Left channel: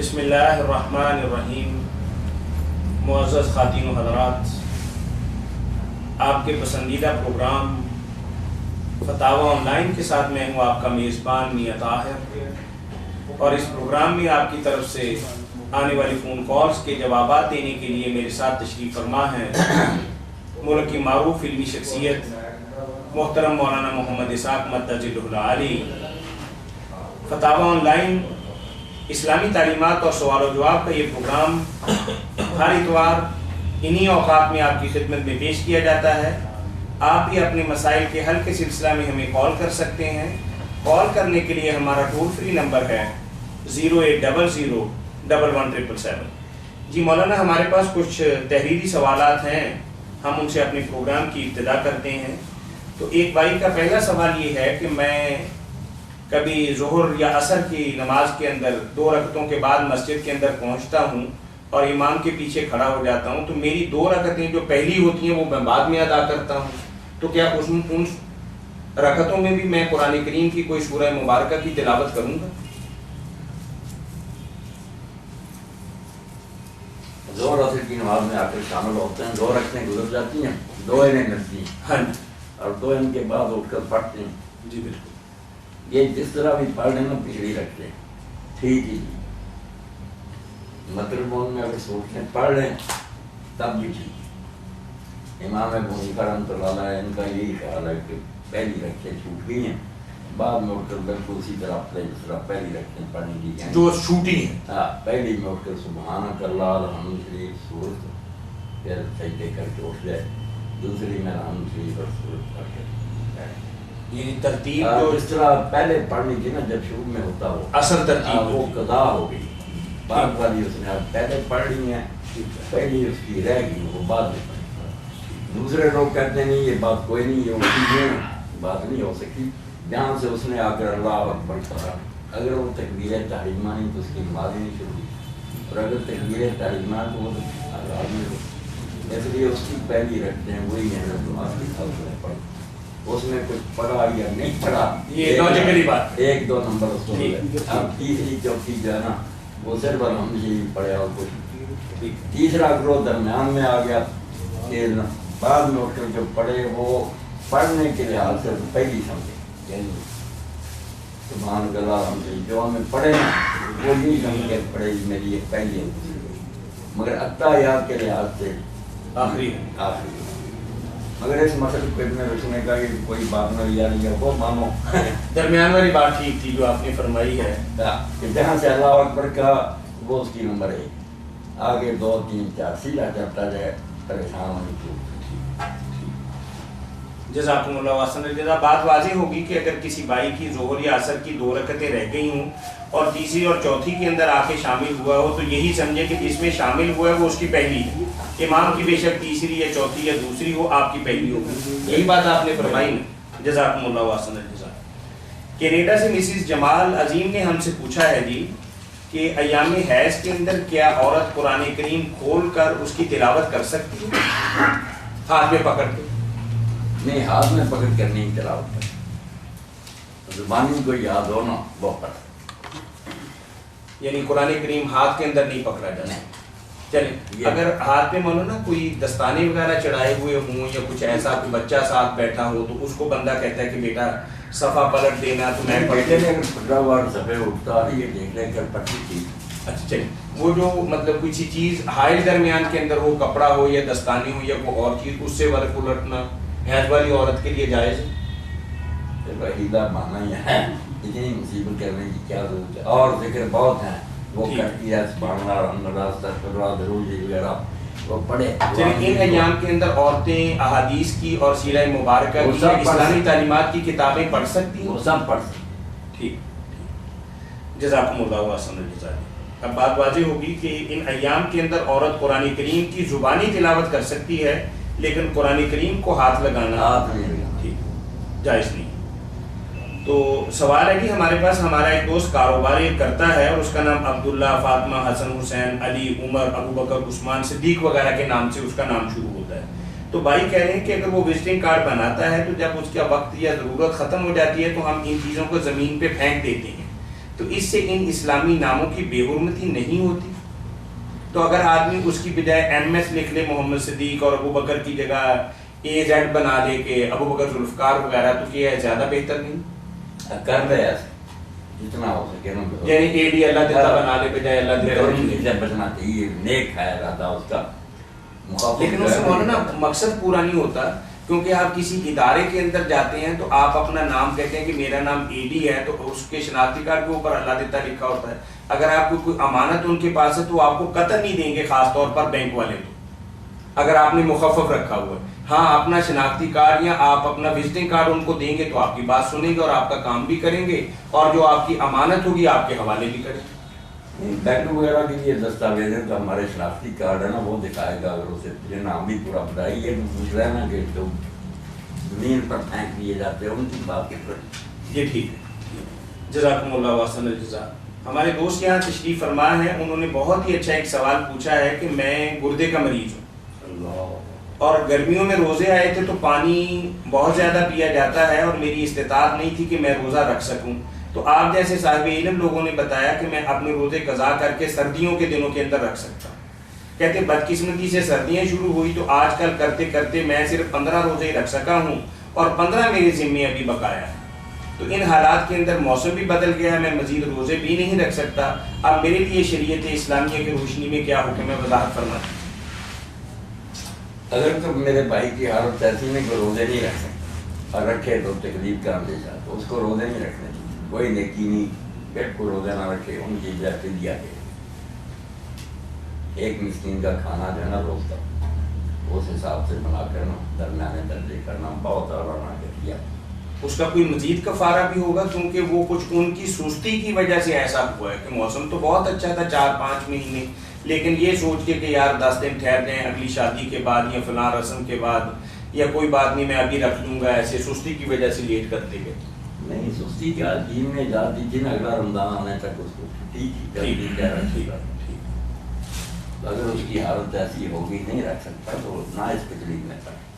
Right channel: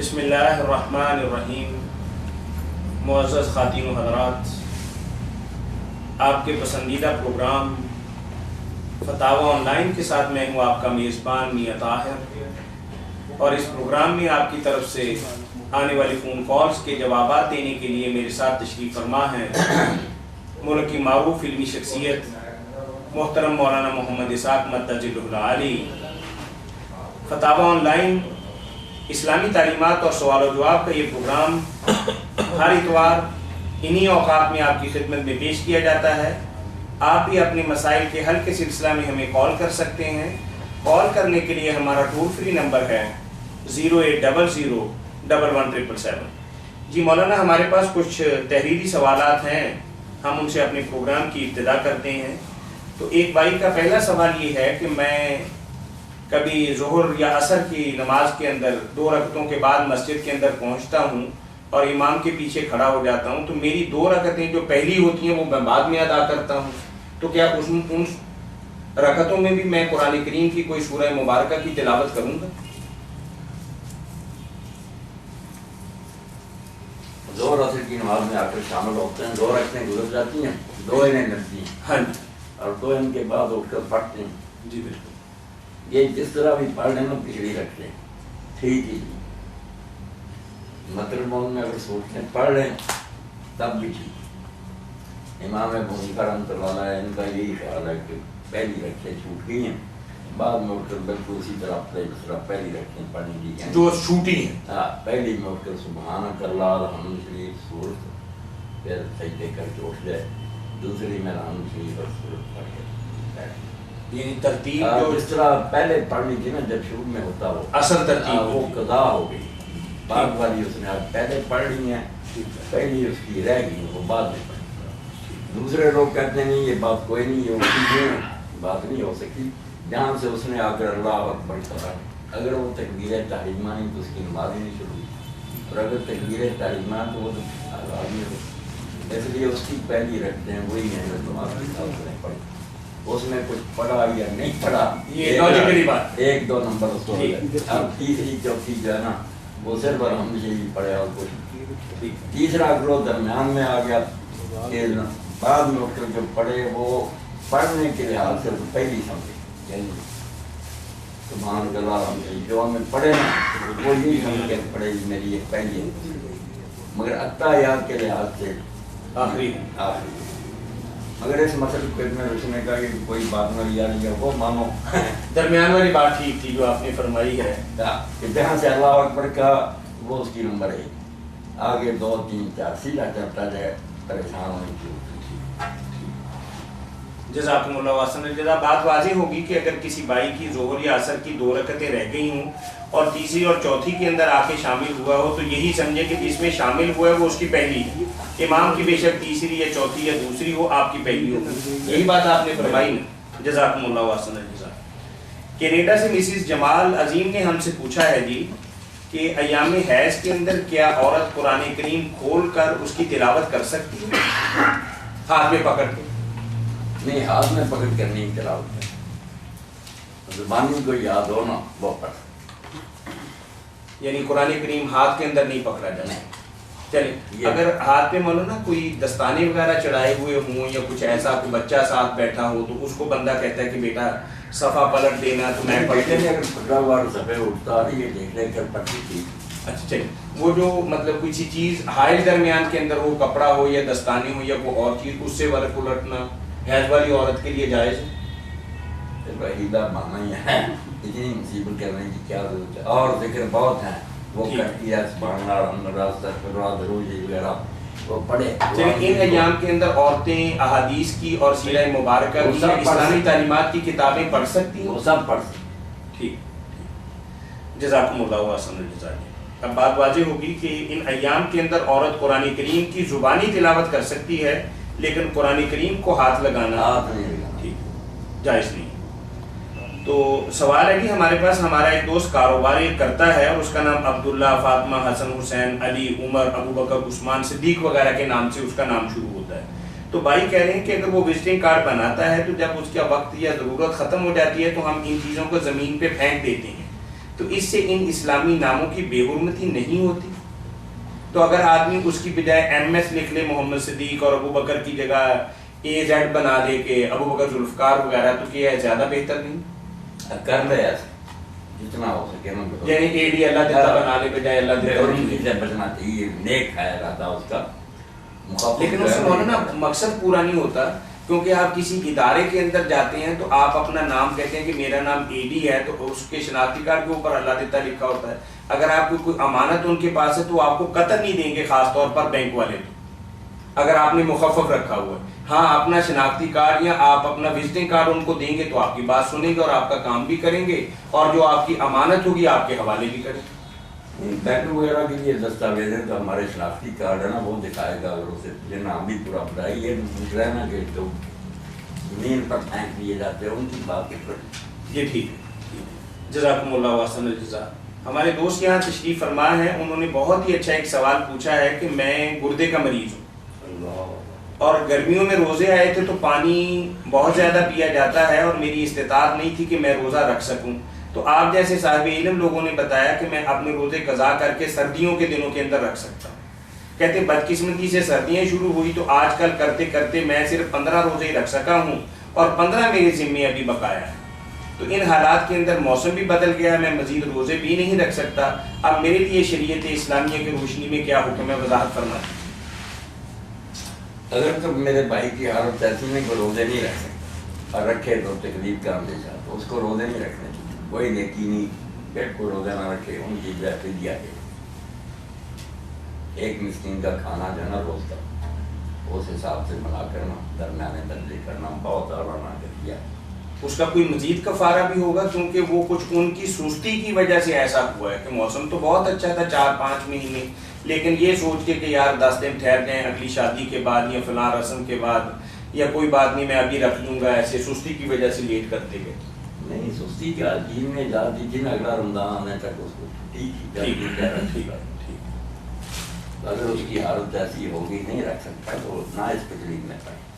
بسم اللہ الرحمن الرحیم۔ معزز خواتین و حضرات، آپ کے پسندیدہ پروگرام فتاوی آن لائن کے ساتھ میں ہوں آپ کا میزبان میاں طاہر، اور اس پروگرام میں آپ کی طرف سے آنے والی فون کالز کے جوابات دینے کے لیے میرے ساتھ تشریف فرما ہیں ملک کی معروف علمی شخصیت محترم مولانا محمد اسحاق مدجلہ العالی۔ فتاوی آن لائن اسلامی تعلیمات اور سوال و جواب کا یہ پروگرام ہر اتوار انہی اوقات میں آپ کی خدمت میں پیش کیا جاتا ہے۔ آپ بھی اپنے مسائل کے حل کے سلسلہ میں ہمیں کال کر سکتے ہیں۔ کال کرنے کے لیے ہمارا ٹول فری نمبر ہے 0800117777۔ جی مولانا، ہمارے پاس کچھ تحریری سوالات ہیں، ہم ان سے اپنے پروگرام کی ابتدا کرتے ہیں۔ تو ایک بھائی کا پہلا سوال یہ ہے کہ میں کبھی ظہر یا عصر کی نماز کے اندر 2 رکعتوں کے بعد مسجد کے اندر پہنچتا ہوں اور امام کے پیچھے کھڑا ہو جاتا ہوں، تو میری 2 رکعتیں جو پہلی ہوتی ہیں وہ میں بعد میں ادا کرتا ہوں، تو کیا ان رکعتوں میں بھی میں قرآن کریم کی کوئی سورہ مبارکہ کی تلاوت کروں گا؟ ظہر عصر کی نماز میں آ کر شامل ہوتے ہیں، 2 رکعتیں گزر جاتی ہیں، 2 انہیں لگتی ہیں، ہاں جی، اور 2 ان کے بعد اٹھ کر پڑھتے ہیں۔ جی بالکل، یہ جس طرح بھی پڑھ لیں نا پچھڑی رکھتے ہیں، ٹھیک ہی مطلب میں اگر سوچتے پڑھ لیں تب بھی ٹھیک۔ امام ابو حنیفہ رحمۃ اللہ علیہ ان کا یہی خیال ہے کہ پہلی رکعتیں چھوٹ گئی ہیں، بعد میں اٹھ کر بالکل اسی طرح جس طرح پہلی رکعتیں پڑھنے کی ہیں جو چھوٹی ہیں۔ ہاں، پہلی میں اٹھ کر سبحانک اللہ الحمد شریف سورت، پھر سجدے کر کے اٹھ جائے، دوسری میں الحمد شریف اور سورت پڑھ کے بیٹھ۔ یعنی ترتیب جو جس طرح پہلے پڑھنی تھی نا جب شروع میں ہوتا وہ اصل ترتیب وہ قضا ہو گئی، بعد والی اس نے اب پہلے پڑھ لی ہیں، پہلی اس کی رہ گئی وہ بعد میں پڑھی۔ دوسرے لوگ کہتے نہیں یہ بات کوئی نہیں، یہ اسی بات نہیں ہو سکتی، جہاں سے اس نے آ کر اللہ اکبر پڑھا، اگر وہ تکبیر تحریمہ نہیں تو اس کی نماز ہی نہیں شروع ہوئی، اور اگر تکبیر تحریمہ تو وہ آدمی ہو، اس لیے اس کی پہلی رکھتے ہیں وہی ہے جو آپ کی ساتھ نے پڑھی، اس میں کچھ پڑھا یا نہیں پڑھا یہ لاجیکلی بات، 1-2 نمبر اس کو ہے۔ اب تیسری چوتھی جو ہے نا وہ صرف الحمد للہ پڑھے اور کچھ۔ تیسرا گروہ درمیان میں آ گیا کہ بعد میں اٹھ کر جو پڑھے وہ پڑھنے کے لحاظ سے پہلی سمجھے، یعنی سبحان اللہ الحمد للہ جو ہمیں پڑھے نا وہ یہی سمجھ کے پڑھے میری ایک پہلی ہے، مگر اتحیات کے لحاظ سے آخری آخری۔ مگر اس مسئلے پہ میں رسنے کا کہ کوئی بات نہ لیا نہیں ہے وہ مانو درمیان والی بات ٹھیک تھی جو آپ نے فرمائی ہے کہ جہاں سے اللہ اکبر کا وہ اس کی نمبر ہے، آگے 2 3 4 سیدھا چلتا جائے، پریشان ہونے کی۔ جزاکم اللہ احسن الجزا۔ بات واضح ہوگی کہ اگر کسی بھائی کی ظہر یا عصر کی 2 رکعتیں رہ گئی ہوں اور تیسری اور چوتھی کے اندر آ کے شامل ہوا ہو تو یہی سمجھے کہ جس میں شامل ہوا ہے وہ اس کی پہلی ہے، امام کی بے شک تیسری یا چوتھی یا دوسری ہو، آپ کی پہلی ہو، یہی بات آپ نے فرمائی نا۔ جزاکم اللہ احسن الجزا۔ کینیڈا سے مسز جمال عظیم نے ہم سے پوچھا ہے جی کہ ایام حیض کے اندر کیا عورت قرآن کریم کھول کر اس کی تلاوت کر سکتی ہے ہاتھ میں پکڑ کے؟ نہیں، ہاتھ میں پکڑ کر نہیں تلاوت کر، زبانی کو یاد ہو نا وہ پڑھ، یعنی قرآن کریم ہاتھ کے اندر نہیں پکڑا جاتا۔ چلیں، اگر ہاتھ میں مولانا کوئی دستانے وغیرہ چڑھائے ہوئے ہوں یا کچھ ایسا کوئی بچہ ساتھ بیٹھا ہو تو اس کو بندہ کہتا ہے کہ بیٹا صفحہ پلٹ دینا تو میں پڑھتے ہیں، اگر پکڑا ہوا صفحے اٹھتا یہ دیکھ لے کر پڑھتی تھی۔ اچھا چلیں، وہ جو مطلب کسی چیز حائل درمیان کے اندر ہو، کپڑا ہو یا دستانے ہو یا کوئی اور چیز، اس سے ورق الٹنا حیض والی عورت کے لیے جائز ہے؟ وحیدہ مانا ہی ہے، اتنی مصیبت کرنے کی کیا ضرورت ہے، اور ذکر بہت ہیں وہ کرتی ہے، سبحان اللہ الحمد للہ استغفر اللہ درود وغیرہ وہ پڑھے۔ چلیں، ان ایام کے اندر عورتیں احادیث کی اور سیرہ مبارکہ کی اسلامی تعلیمات کی کتابیں پڑھ سکتی ہیں؟ وہ سب پڑھ سکتی۔ ٹھیک، جزاکم اللہ احسن الجزا۔ اب بات واضح ہوگی کہ ان ایام کے اندر عورت قرآن کریم کی زبانی تلاوت کر سکتی ہے لیکن قرآن کریم کو ہاتھ لگانا ٹھیک جائز نہیں۔ تو سوال ہے کہ ہمارے پاس ہمارا ایک دوست کاروبار کرتا ہے اور اس کا نام عبداللہ، فاطمہ، حسن، حسین، علی، عمر، ابو بکر، عثمان، صدیق وغیرہ کے نام سے اس کا نام شروع ہوتا ہے۔ تو بھائی کہہ رہے ہیں کہ اگر وہ وزٹنگ کارڈ بناتا ہے تو جب اس کا وقت یا ضرورت ختم ہو جاتی ہے تو ہم ان چیزوں کو زمین پہ پھینک دیتے ہیں، تو اس سے ان اسلامی ناموں کی بے حرمتی نہیں ہوتی؟ تو اگر آدمی اس کی بجائے ایم ایس لکھ لے محمد صدیق اور ابو بکر کی جگہ اے زیڈ بنا دے کہ ابو بکر ذوالفقار وغیرہ، تو کیا ہے زیادہ بہتر نہیں؟ کر لے ایسے جتنا ہو سکے نا، یعنی اے ڈی اللہ دیتا بنا لے بجائے اللہ دیتا بچنا چاہیے، نیک ہے ارادہ اس کا، لیکن اس سے مولانا مقصد پورا نہیں ہوتا، کیونکہ آپ کسی ادارے کے اندر جاتے ہیں تو آپ اپنا نام کہتے ہیں کہ میرا نام اے ڈی ہے، تو اس کے شناختی کارڈ کے اوپر اللہ دیتا لکھا ہوتا ہے۔ اگر آپ کو کوئی امانت ان کے پاس ہے تو آپ کو قطع نہیں دیں گے، خاص طور پر بینک والے تو اگر آپ نے مخفف رکھا ہوا ہے۔ ہاں اپنا شناختی کارڈ یا آپ اپنا وزٹنگ کارڈ ان کو دیں گے تو آپ کی بات سنیں گے اور آپ کا کام بھی کریں گے، اور جو آپ کی امانت ہوگی آپ کے حوالے بھی کریں گے۔ بینک وغیرہ کے لیے دستاویز ہے تو ہمارے شناختی کارڈ ہے نا وہ دکھائے گا، اگر اسے نام بھی پورا بتائیے، یہ دوسرا ہے نا کہ تو زمین پر پھینک دیے جاتے ہیں، ان کی بات کے پر یہ ٹھیک ہے۔ جزاکم اللہ واحسن الجزا۔ ہمارے دوست یہاں تشریف فرما ہے، انہوں نے بہت ہی اچھا ایک سوال پوچھا ہے کہ میں گردے کا مریض ہوں اور گرمیوں میں روزے آئے تھے تو پانی بہت زیادہ پیا جاتا ہے اور میری استطاعت نہیں تھی کہ میں روزہ رکھ سکوں، تو آپ جیسے صاحب علم لوگوں نے بتایا کہ میں اپنے روزے قضا کر کے سردیوں کے دنوں کے اندر رکھ سکتا ہوں۔ کہتے بدقسمتی سے سردیاں شروع ہوئی تو آج کل کرتے کرتے میں صرف 15 روزے ہی رکھ سکا ہوں اور 15 میرے ذمے ابھی بقایا ہے، تو ان حالات کے اندر موسم بھی بدل گیا ہے، میں مزید روزے بھی نہیں رکھ سکتا، اب میرے لیے شریعت اسلامیہ کی روشنی میں کیا حکم ہے، وضاحت فرمائیں۔ اگر تو میرے بھائی کی حالت ایسی نہیں کہ روزے نہیں رکھ سکتے اور رکھے تو تکلیف کا اندیشہ، تو اس کو روزے نہیں رکھنے چاہیے، کوئی نیکی نہیں پیٹ کو روزے نہ رکھے، ان کی جگہ دیا گیا ایک مسکین کا کھانا جو ہے نا روز کا، اس حساب سے بنا کرنا، درمیانے درجے کرنا، بہت آرام کیا۔ اس کا کوئی مزید کفارہ بھی ہوگا، کیونکہ وہ کچھ ان کی سستی کی وجہ سے ایسا ہوا ہے کہ موسم تو بہت اچھا تھا 4-5 مہینے، لیکن یہ سوچ کے کہ یار 10 دن ٹھہر جائیں اگلی شادی کے بعد یا فلاں رسم کے بعد، یا کوئی بات نہیں میں ابھی رکھ لوں گا، ایسے سستی کی وجہ سے لیٹ کرتے گئے۔ نہیں سستی کیا، دین میں جا دیجیے نا، اگلا رمضان آنے تک اس کو ٹھیک ٹھیک۔ اگر اس کی حالت ایسی ہوگی نہیں رکھ سکتا تو نہ اس تکلیف میں پڑے۔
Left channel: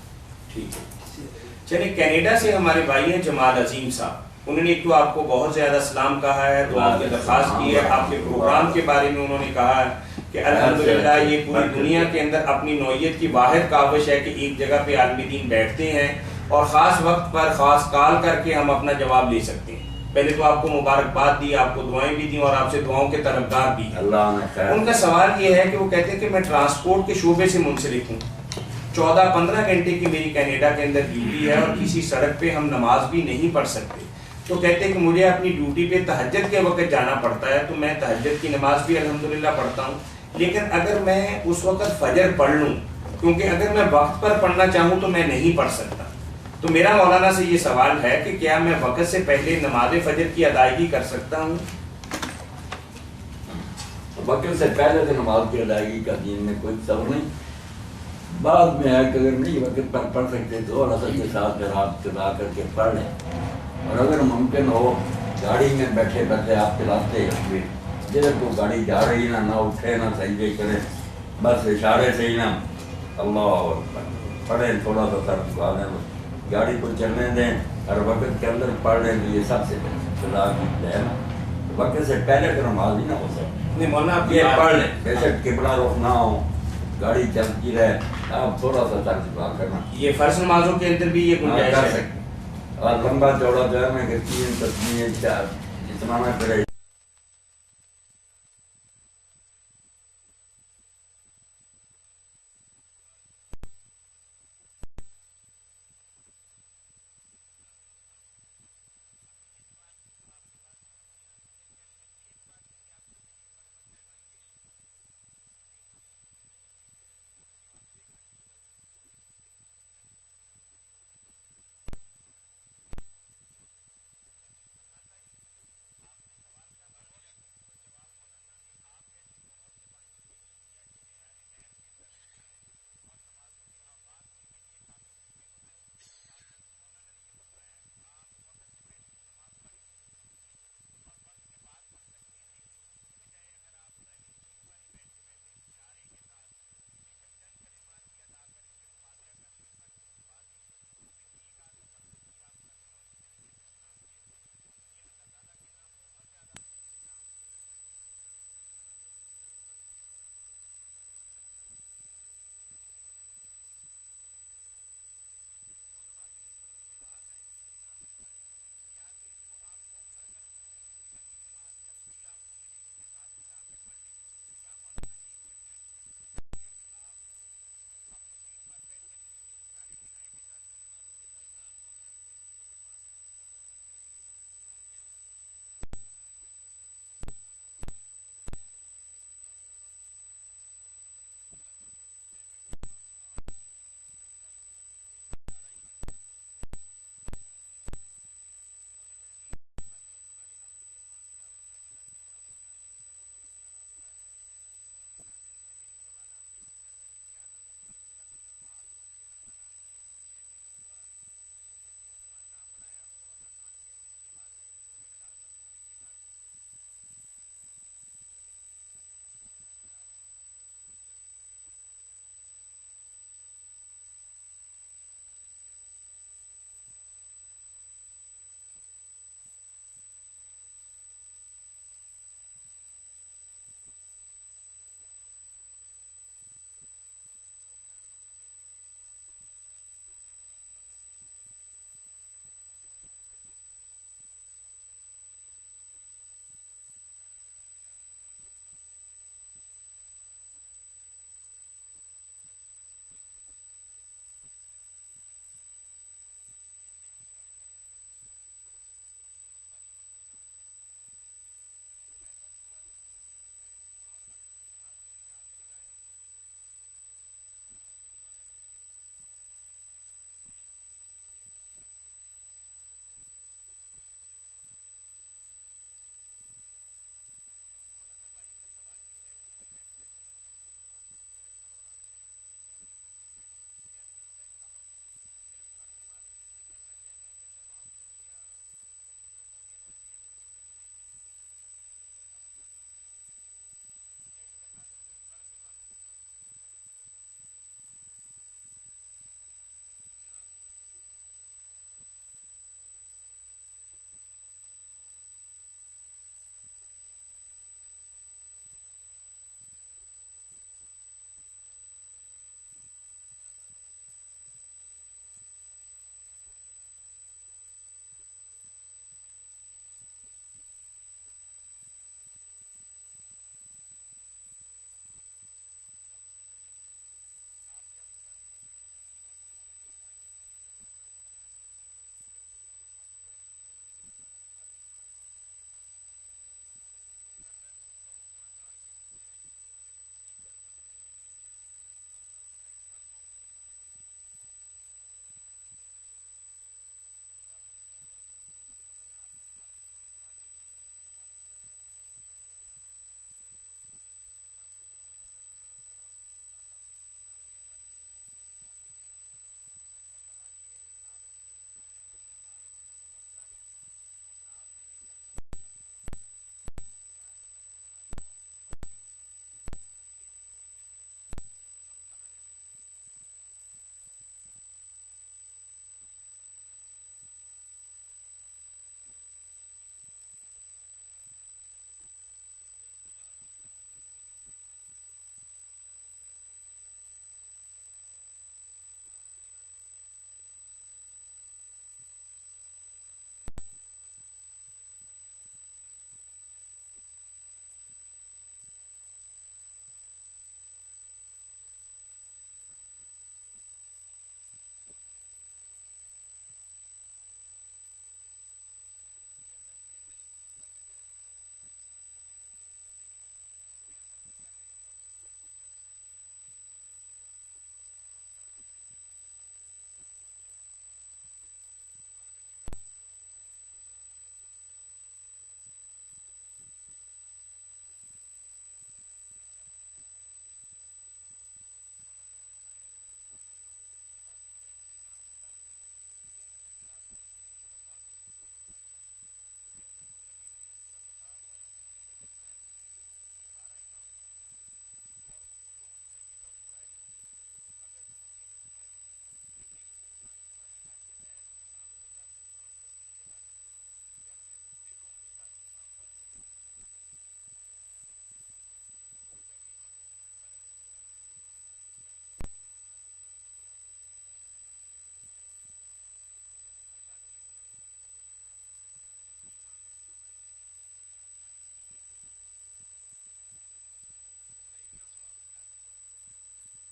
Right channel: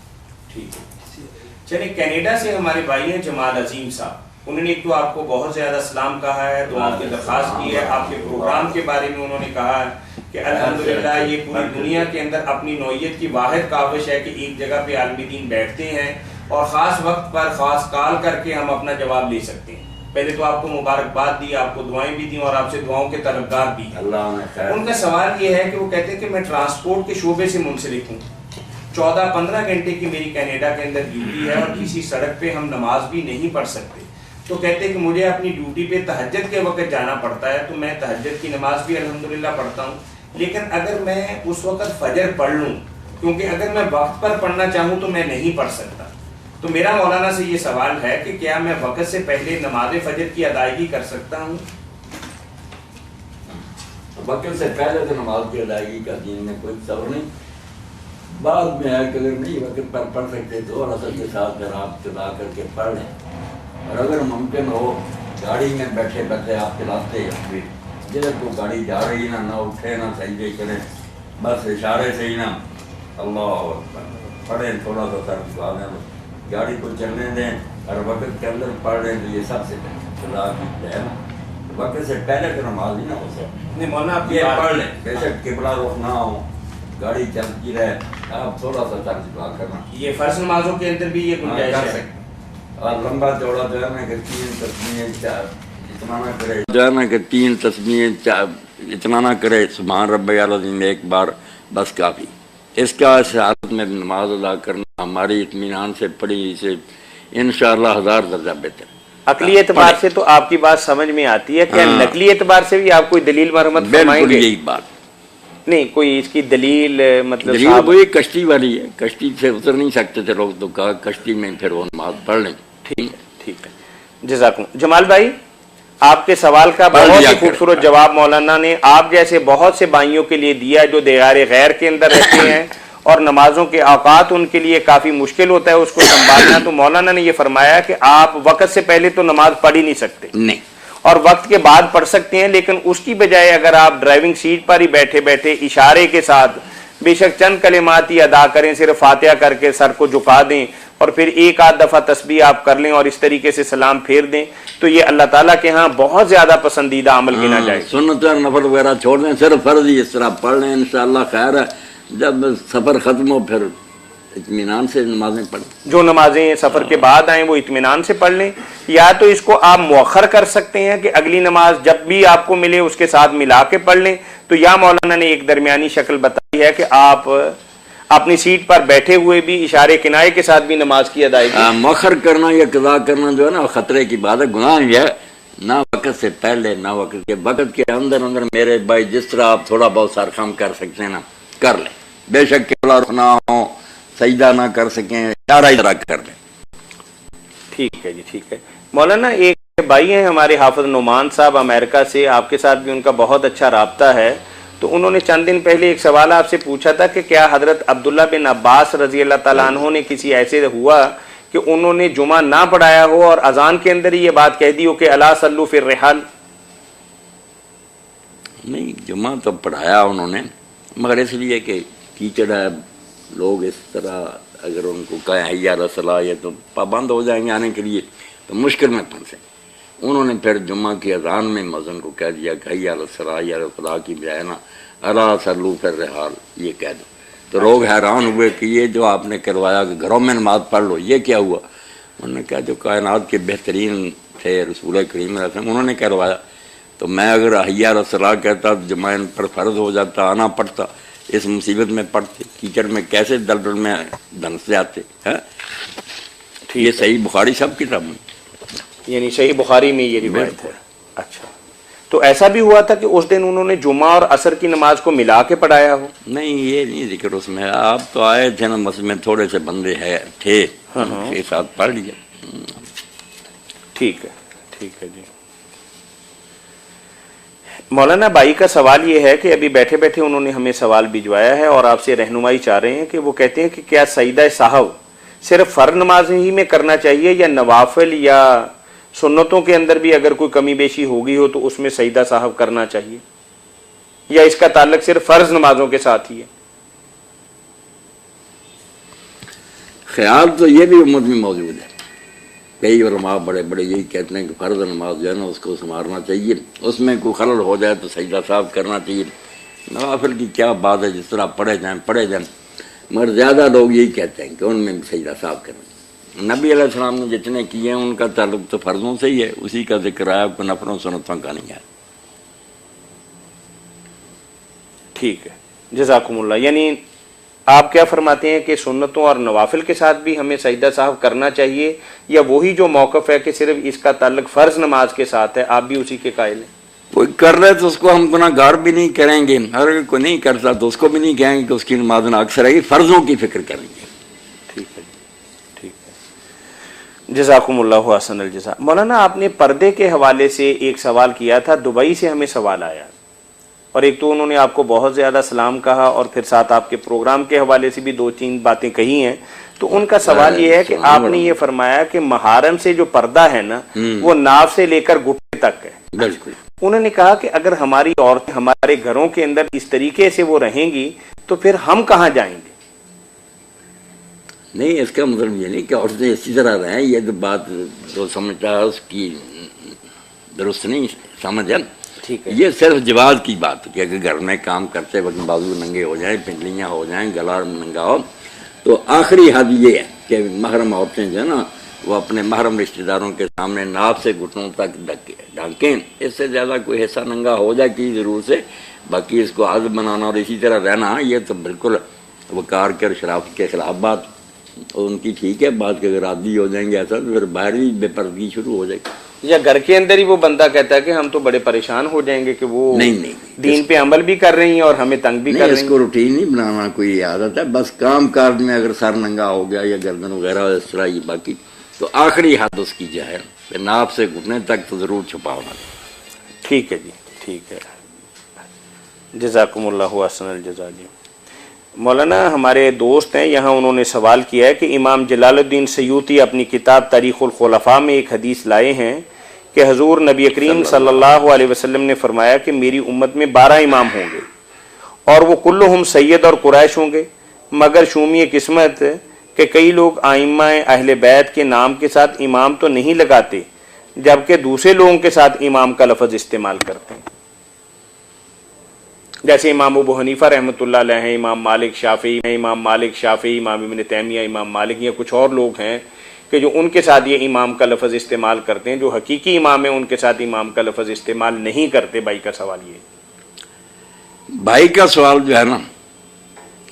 ٹھیک ہے۔ چلیے کینیڈا سے ہمارے بھائی ہیں جمال عظیم صاحب، انہوں نے ایک تو آپ کو بہت زیادہ سلام کہا ہے، دعا کی درخواست کی ہے، آپ کے پروگرام کے بارے میں انہوں نے کہا ہے کہ الحمدللہ یہ پوری دنیا کے اندر اپنی نوعیت کی واحد کاوش ہے کہ ایک جگہ پہ عالم دین بیٹھتے ہیں اور خاص وقت پر خاص کال کر کے ہم اپنا جواب لے سکتے ہیں۔ پہلے تو آپ کو مبارکباد دی، آپ کو دعائیں بھی دیں اور آپ سے دعاؤں کے طلبگار بھی ہیں۔ ان کا سوال یہ ہے کہ وہ کہتے ہیں کہ میں ٹرانسپورٹ کے شعبے سے منسلک ہوں، 14-15 گھنٹے کی میری کینیڈا کے اندر ڈیوٹی ہے اور کسی سڑک پہ ہم نماز بھی نہیں پڑھ سکتے، تو کہتے ہیں کہ مجھے اپنی ڈیوٹی پہ تہجد کے وقت جانا پڑتا ہے، تو میں تہجد کی نماز بھی الحمدللہ پڑھتا ہوں، لیکن اگر میں اس وقت فجر پڑھ لوں، کیونکہ اگر میں وقت پر پڑھنا چاہوں تو میں نہیں پڑھ سکتا، تو میرا مولانا سے یہ سوال ہے کہ کیا میں وقت سے پہلے نماز فجر کی ادائیگی کر سکتا ہوں؟ وقت سے پہلے تو نماز کی ادائیگی کا دین میں کوئی تصور نہیں، بعد میں ہے کہ اگر نہیں وقت پر پڑھ سکتے تو اور اصل کے ساتھ اگر آپ چلا کر کے پڑھ لیں، اور اگر ممکن ہو گاڑی میں بیٹھے بیٹھے آپ چلاتے ہیں، جدھر کو گاڑی جا رہی نہ اٹھے نہ سجدے کریں، بس اشارے سے ہی نہ اللہ اکبر پڑھیں، تھوڑا سا سر جھکا دیں، گاڑی کو چلنے دیں اور وقت کے اندر پڑھ لیں، تو یہ سب سے خدا کی ہے نا، وقت سے پہلے تو نماز ہی نہ ہو سکے، نہیں مولانا آپ یہ پڑھ لیں، بے شک قبلہ رخ نہ ہو، گاڑی چلتی رہے، آپ تھوڑا سا سر جھکا کرنا، یہ فرض نمازوں کے اندر بھی یہ گنجائش کر ہے۔ سکتے، اور لمبا چوڑا جو ہے نا کہ 3 تسبیحیں 4 اتنا نہ کرے، جو ہے نا کہ 3 تسبیحیں 4 اتنا نہ کرے، سبحان ربی العظیم ایک بار بس کافی، اس کا اس حالت میں نماز ادا کرنا ہماری اطمینان سے پڑھی سے انشاءاللہ 1000 درجہ بہتر۔ عقلی اعتبار سے تو آپ کی بات سمجھ میں آتی ہے، کیا نقلی اعتبار سے بھی آپ کوئی دلیل مرحمت فرمائیں گے؟ بالکل یہی بات نہیں، کوئی اس کی دلیل مطلب دلیل وہی کشتی والی ہے، کشتی سے اتر نہیں سکتے تھے لوگ، تو کہا کشتی میں پھر وہ نماز پڑھ لیں۔ ٹھیک ہے، جزاکم۔ جمال بھائی، آپ کے سوال کا بہت ہی خوبصورت جواب مولانا نے آپ جیسے بہت سے بھائیوں کے لیے دیا جو دیار غیر کے اندر رہتے ہیں اور نمازوں کے اوقات ان کے لیے کافی مشکل ہوتا ہے اس کو سنبھالنا، تو مولانا نے یہ فرمایا کہ آپ وقت سے پہلے تو نماز پڑھ ہی نہیں سکتے، نہیں، اور وقت کے بعد پڑھ سکتے ہیں، لیکن اس کی بجائے اگر آپ ڈرائیونگ سیٹ پر ہی بیٹھے بیٹھے اشارے کے ساتھ بے شک چند کلمات ہی ادا کریں، صرف فاتحہ کر کے سر کو جھکا دیں اور پھر ایک آدھ دفعہ تسبیح آپ کر لیں اور اس طریقے سے سلام پھیر دیں تو یہ اللہ تعالیٰ کے ہاں بہت زیادہ پسندیدہ عمل گنا جائے گا۔ سنت اور نفل وغیرہ چھوڑ دیں، صرف فرض ہی اس طرح پڑھ لیں، انشاءاللہ خیر ہے۔ جب سفر ختم ہو پھر اطمینان سے نمازیں پڑھیں، جو نمازیں سفر کے بعد آئیں وہ اطمینان سے پڑھ لیں، یا تو اس کو آپ مؤخر کر سکتے ہیں کہ اگلی نماز جب بھی آپ کو ملے اس کے ساتھ ملا کے پڑھ لیں، تو یا مولانا نے ایک درمیانی شکل بتائی ہے کہ آپ اپنی سیٹ پر بیٹھے ہوئے بھی اشارے کنائے کے ساتھ بھی نماز کی ادائیگی۔ مؤخر کرنا یا قضا کرنا جو ہے نا خطرے کی بات ہے، گناہ یہ ہے، نہ وقت سے پہلے نہ وقت کے، وقت کے اندر اندر میرے بھائی جس طرح آپ تھوڑا بہت سرخم کر سکتے ہیں نا کر لیں، بے شک قبلہ نہ ہو، سجدہ نہ کر سکیں، اشارہ ہی طرح کر لیں۔ ٹھیک ہے جی، ٹھیک ہے مولانا۔ ایک بھائی ہیں ہمارے حافظ نعمان صاحب امریکہ سے، آپ کے ساتھ بھی ان کا بہت اچھا رابطہ ہے، تو انہوں نے چند دن پہلے ایک سوال آپ سے پوچھا تھا کہ کیا حضرت عبداللہ بن عباس رضی اللہ تعالیٰ عنہ نے کسی ایسے ہوا کہ انہوں نے جمعہ نہ پڑھایا ہو اور اذان کے اندر ہی یہ بات کہہ دی ہو کہ الا صلو فی الرحال؟ نہیں، جمعہ تو پڑھایا انہوں نے، مگر اس لیے کہ کیچڑ ہے، لوگ اس طرح اگر ان کو کہیں حی علی الصلاۃ یہ تو پابند ہو جائیں گے آنے کے لیے، تو مشکل میں پھنسیں۔ انہوں نے پھر جمعہ کی اذان میں مؤذن کو کہہ دیا کہ حی علی الصلاۃ، حی علی الفلاح کی بجائے نا الا صلو فی الرحال یہ کہہ دو۔ تو لوگ حیران ہوئے کہ یہ جو آپ نے کروایا کہ گھروں میں نماز پڑھ لو، یہ کیا ہوا؟ انہوں نے کہا جو کائنات کے بہترین تھے رسول کریم علیہ السلام، انہوں نے کروایا، تو میں اگر حی علی الصلاۃ کہتا تو جمعہ ان پر فرض ہو جاتا، آنا پڑتا، اس مصیبت میں پڑتے، کیچڑ میں کیسے دلدل میں دھنس جاتے ہیں۔ یہ صحیح بخاری سب کتاب میں، یعنی صحیح بخاری میں یہ روایت ہے۔ اچھا، تو ایسا بھی ہوا تھا کہ اس دن انہوں نے جمعہ اور عصر کی نماز کو ملا کے پڑھایا ہو؟ نہیں، یہ نہیں ذکر اس میں، آپ تو آئے تھے نا مسجد میں، تھوڑے سے بندے تھے کے ساتھ پڑھ لیا۔ ٹھیک ہے، ٹھیک ہے جی۔ مولانا بھائی کا سوال یہ ہے کہ ابھی بیٹھے بیٹھے انہوں نے ہمیں سوال بھجوایا ہے اور آپ سے رہنمائی چاہ رہے ہیں کہ وہ کہتے ہیں کہ کیا سجدہ سہو صرف فرض نماز ہی میں کرنا چاہیے یا نوافل یا سنتوں کے اندر بھی اگر کوئی کمی بیشی ہوگی ہو تو اس میں سجدہ سہو کرنا چاہیے، یا اس کا تعلق صرف فرض نمازوں کے ساتھ ہی ہے؟ خیال تو یہ بھی امت میں موجود ہے، کئی علماء بڑے بڑے یہی کہتے ہیں کہ فرض نماز جو ہے نا اس کو سنوارنا چاہیے، اس میں کوئی خلل ہو جائے تو سجدہ صاحب کرنا چاہیے، نوافل کی کیا بات ہے، جس طرح پڑھے جائیں، مگر زیادہ لوگ یہی کہتے ہیں کہ ان میں بھی سجدہ صاحب کرنا چاہیے۔ نبی علیہ السلام نے جتنے کیے ہیں ان کا تعلق تو فرضوں سے ہی ہے، اسی کا ذکر آیا، کوئی نفلوں سنتوں کا نہیں ہے۔ ٹھیک ہے، جزاکم اللہ۔ یعنی آپ کیا فرماتے ہیں کہ سنتوں اور نوافل کے ساتھ بھی ہمیں سجدہ صاحب کرنا چاہیے، یا وہی جو موقف ہے کہ صرف اس کا تعلق فرض نماز کے ساتھ ہے آپ بھی اسی کے قائل ہیں؟ کوئی کر رہے تو اس کو ہم گناہ گار بھی نہیں کریں گے، اگر کوئی نہیں کرتا تو اس کو بھی نہیں کہیں گے کہ اس کی نماز نہ اکثر ہے، فرضوں کی فکر کریں گے۔ ٹھیک ہے، ٹھیک ہے، جزاکم اللہ احسن الجزا۔ مولانا آپ نے پردے کے حوالے سے ایک سوال کیا تھا، دبئی سے ہمیں سوال آیا، اور ایک تو انہوں نے آپ کو بہت زیادہ سلام کہا اور پھر ساتھ آپ کے پروگرام کے حوالے سے بھی 2-3 باتیں کہی ہیں، تو ان کا سوال یہ ہے کہ آپ نے یہ فرمایا کہ محارم سے جو پردہ ہے نا وہ ناف سے لے کر گھٹنے تک ہے۔ بالکل، انہوں نے کہا کہ اگر ہماری عورتیں ہمارے گھروں کے اندر اس طریقے سے وہ رہیں گی تو پھر ہم کہاں جائیں گے؟ نہیں، اس کا مطلب یہ نہیں کہ عورتیں اسی طرح رہیں، یہ تو بات جو سمجھتا ہے اس کی درست نہیں سمجھ ہے۔ ٹھیک ہے، یہ صرف جواز کی بات ہے کہ اگر گھر میں کام کرتے وقت بازو ننگے ہو جائیں، پنڈلیاں ہو جائیں، گلا ننگا ہو، تو آخری حد یہ ہے کہ محرم عورتیں جو ہے نا وہ اپنے محرم رشتہ داروں کے سامنے ناف سے گھٹنوں تک ڈھانکیں، اس سے زیادہ کوئی حصہ ننگا ہو جائے کی ضرور سے، باقی اس کو عادت بنانا اور اسی طرح رہنا یہ تو بالکل وقار کے اور شرافت کے خلاف بات، اور ان کی ٹھیک ہے بات کہ اگر عادی ہو جائیں گے ایسا تو پھر باہر بھی بے پردگی شروع ہو جائے گی، یا گھر کے اندر ہی وہ بندہ کہتا ہے کہ ہم تو بڑے پریشان ہو جائیں گے کہ وہ نہیں دین پہ عمل بھی کر رہی ہیں اور ہمیں تنگ بھی کر رہی اس کو روٹین نہیں بنانا کوئی عادت ہے، بس کام کاج میں اگر سر ننگا ہو گیا یا گردن وغیرہ اس طرح یہ باقی تو آخری حد اس کی جو ہے ناف سے گھٹنے تک تو ضرور چھپا ہونا۔ ٹھیک ہے جی، ٹھیک ہے، جزاکم اللہ احسن الجزا جی۔ مولانا ہمارے دوست ہیں یہاں، انہوں نے سوال کیا ہے کہ امام جلال الدین سیوطی اپنی کتاب تاریخ الخلفاء میں ایک حدیث لائے ہیں کہ حضور نبی کریم صلی اللہ علیہ وسلم نے فرمایا کہ میری امت میں 12 امام ہوں گے اور وہ کلہم سید اور قریش ہوں گے، مگر شومی قسمت کہ کئی لوگ ائمہ اہل بیت کے نام کے ساتھ امام تو نہیں لگاتے جبکہ دوسرے لوگوں کے ساتھ امام کا لفظ استعمال کرتے ہیں، جیسے امام ابو حنیفہ رحمۃ اللہ علیہ ہیں، امام مالک شافعی، امام ابن تیمیہ، امام مالک، یا کچھ اور لوگ ہیں کہ جو ان کے ساتھ یہ امام کا لفظ استعمال کرتے ہیں، جو حقیقی امام ہیں ان کے ساتھ امام کا لفظ استعمال نہیں کرتے۔ بھائی کا سوال یہ، بھائی کا سوال جو ہے نا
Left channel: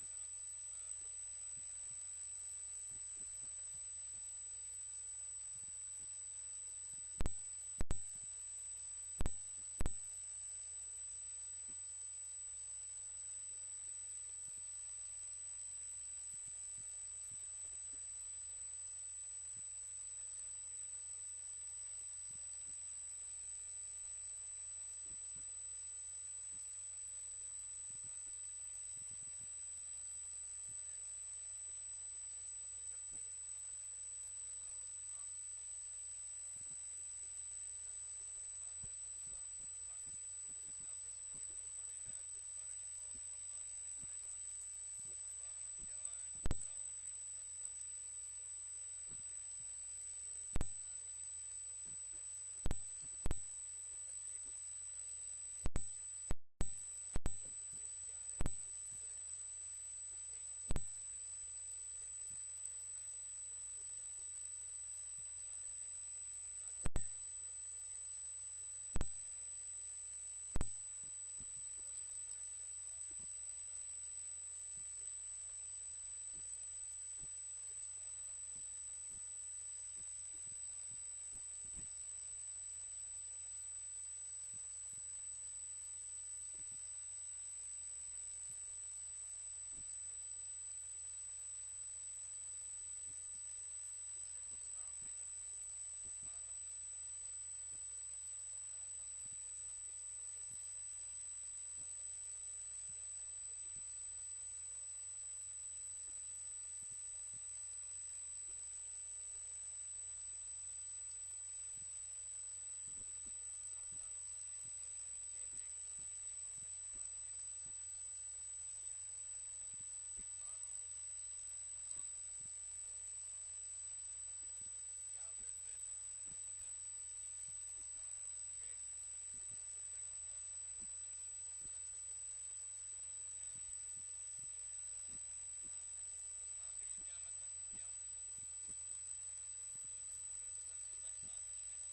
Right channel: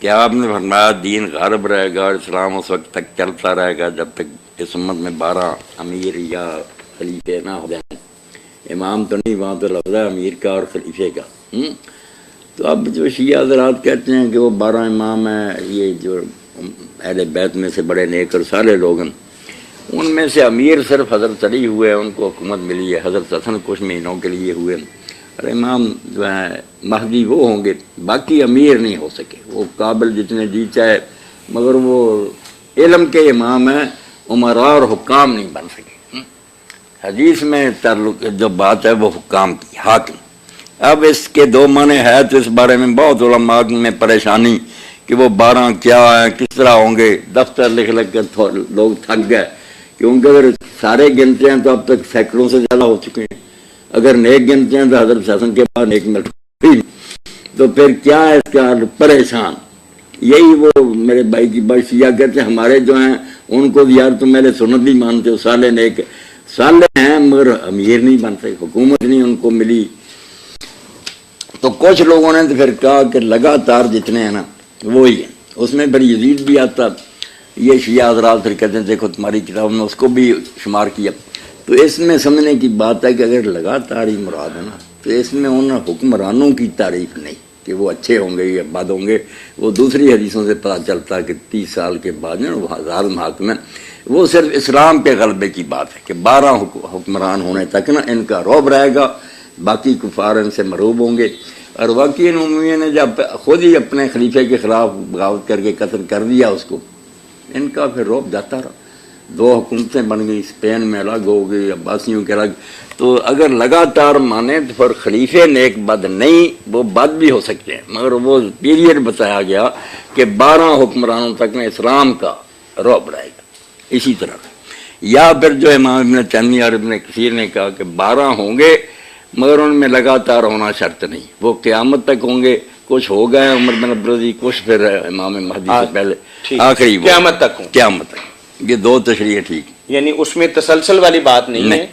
کہ آپ نے فرمایا دین غالب رہے گا اور اسلام اس وقت تک چلتا رہے گا جب تک اس امت میں 12 امیر یا خلیفے نہ ہو جائیں۔ امام تو نہیں، وہاں تو لفظ ہے امیر کا اور خلیفے کا۔ تو اب جو شیعہ حضرات کہتے ہیں کہ وہ 12 امام ہیں، یہ جو اہل بیت میں سے بڑے نیک اور صالح لوگ ہیں، ان میں سے امیر صرف حضرت علی ہوئے ہیں، ان کو حکومت ملی ہے، حضرت حسن کچھ مہینوں کے لیے ہوئے، اور امام جو ہیں مہدی وہ ہوں گے، باقی امیر نہیں ہو سکے، وہ قابل جتنے جی چاہے، مگر وہ علم کے امام ہیں، عمراء اور حکام نہیں بن سکے۔ حدیث میں تعلق جو بات ہے وہ حکام کی، حاکم۔ اب اس کے 2 معنی ہے، تو اس بارے میں بہت علماء میں پریشانی کہ وہ 12 کیا ہیں، کس طرح ہوں گے، دفتر لکھ کر لوگ تھک گئے، کیونکہ اگر سارے گنتے ہیں تو اب تک سینکڑوں سے زیادہ ہو چکے ہیں، اگر نیک گنتے ہیں تو حضرت حسن کے بعد نیک مل، تو پھر کیا ہے اس کا پریشان۔ یہی وہ میرے بھائی کی بات، شیعہ کہتے ہیں ہمارے جو ہیں ان کو یار تم میرے سنت بھی مانتے ہو، صالح نیک صالح ہیں مگر امیر نہیں بن سکے، حکومت نہیں ان کو ملی۔ تو کچھ لوگوں نے تو پھر کہا کہ لگاتار جتنے ہیں نا وہی ہیں، اس میں پھر یزید بھی آتا، یہ شیعہ حضرات پھر کہتے ہیں دیکھو تمہاری کتاب میں اس کو بھی شمار کیا۔ تو اس میں سمجھنے کی بات ہے کہ اگر لگاتار ہی مراد ہے نا تو اس میں ان حکمرانوں کی تعریف نہیں کہ وہ اچھے ہوں گے یا بد ہوں گے، وہ دوسری حدیثوں سے پتہ چلتا ہے کہ 30 سال کے بعد وہ ظالم حاکم ہیں۔ وہ صرف اسلام کے غلبے کی بات ہے کہ 12 حکمران ہونے تک نا ان کا رعب رہے گا، باقی کفار ان سے مرعوب ہوں گے۔ اور واقعی عمومیہ نے جب خود ہی اپنے خلیفے کے خلاف بغاوت کر کے قتل کر دیا اس کو، ان کا پھر رعب جاتا رہا، 2 حکومتیں بن گئی، اسپین میں الگ ہو گئی، عباسیوں کے الگ۔ تو اگر لگاتار مانے تو پھر خلیفے نیک بد نہیں، وہ بد بھی ہو سکتے ہیں، مگر وہ پیریڈ بتایا گیا کہ 12 حکمرانوں تک میں اسلام کا رعب رہے گا۔ اسی طرح یا پھر جو امام ابن تیمیہ اور ابن کثیر نے کہا کہ 12 ہوں گے مگر ان میں لگاتار ہونا شرط نہیں، وہ قیامت تک ہوں گے، کچھ ہو گئے عمر بن عبدالعزیز، کچھ پھر امام مہدی سے پہلے، آخری قیامت تک ہوں، قیامت تک۔ یہ 2 تشریح ٹھیک، یعنی اس میں تسلسل والی بات نہیں ہے،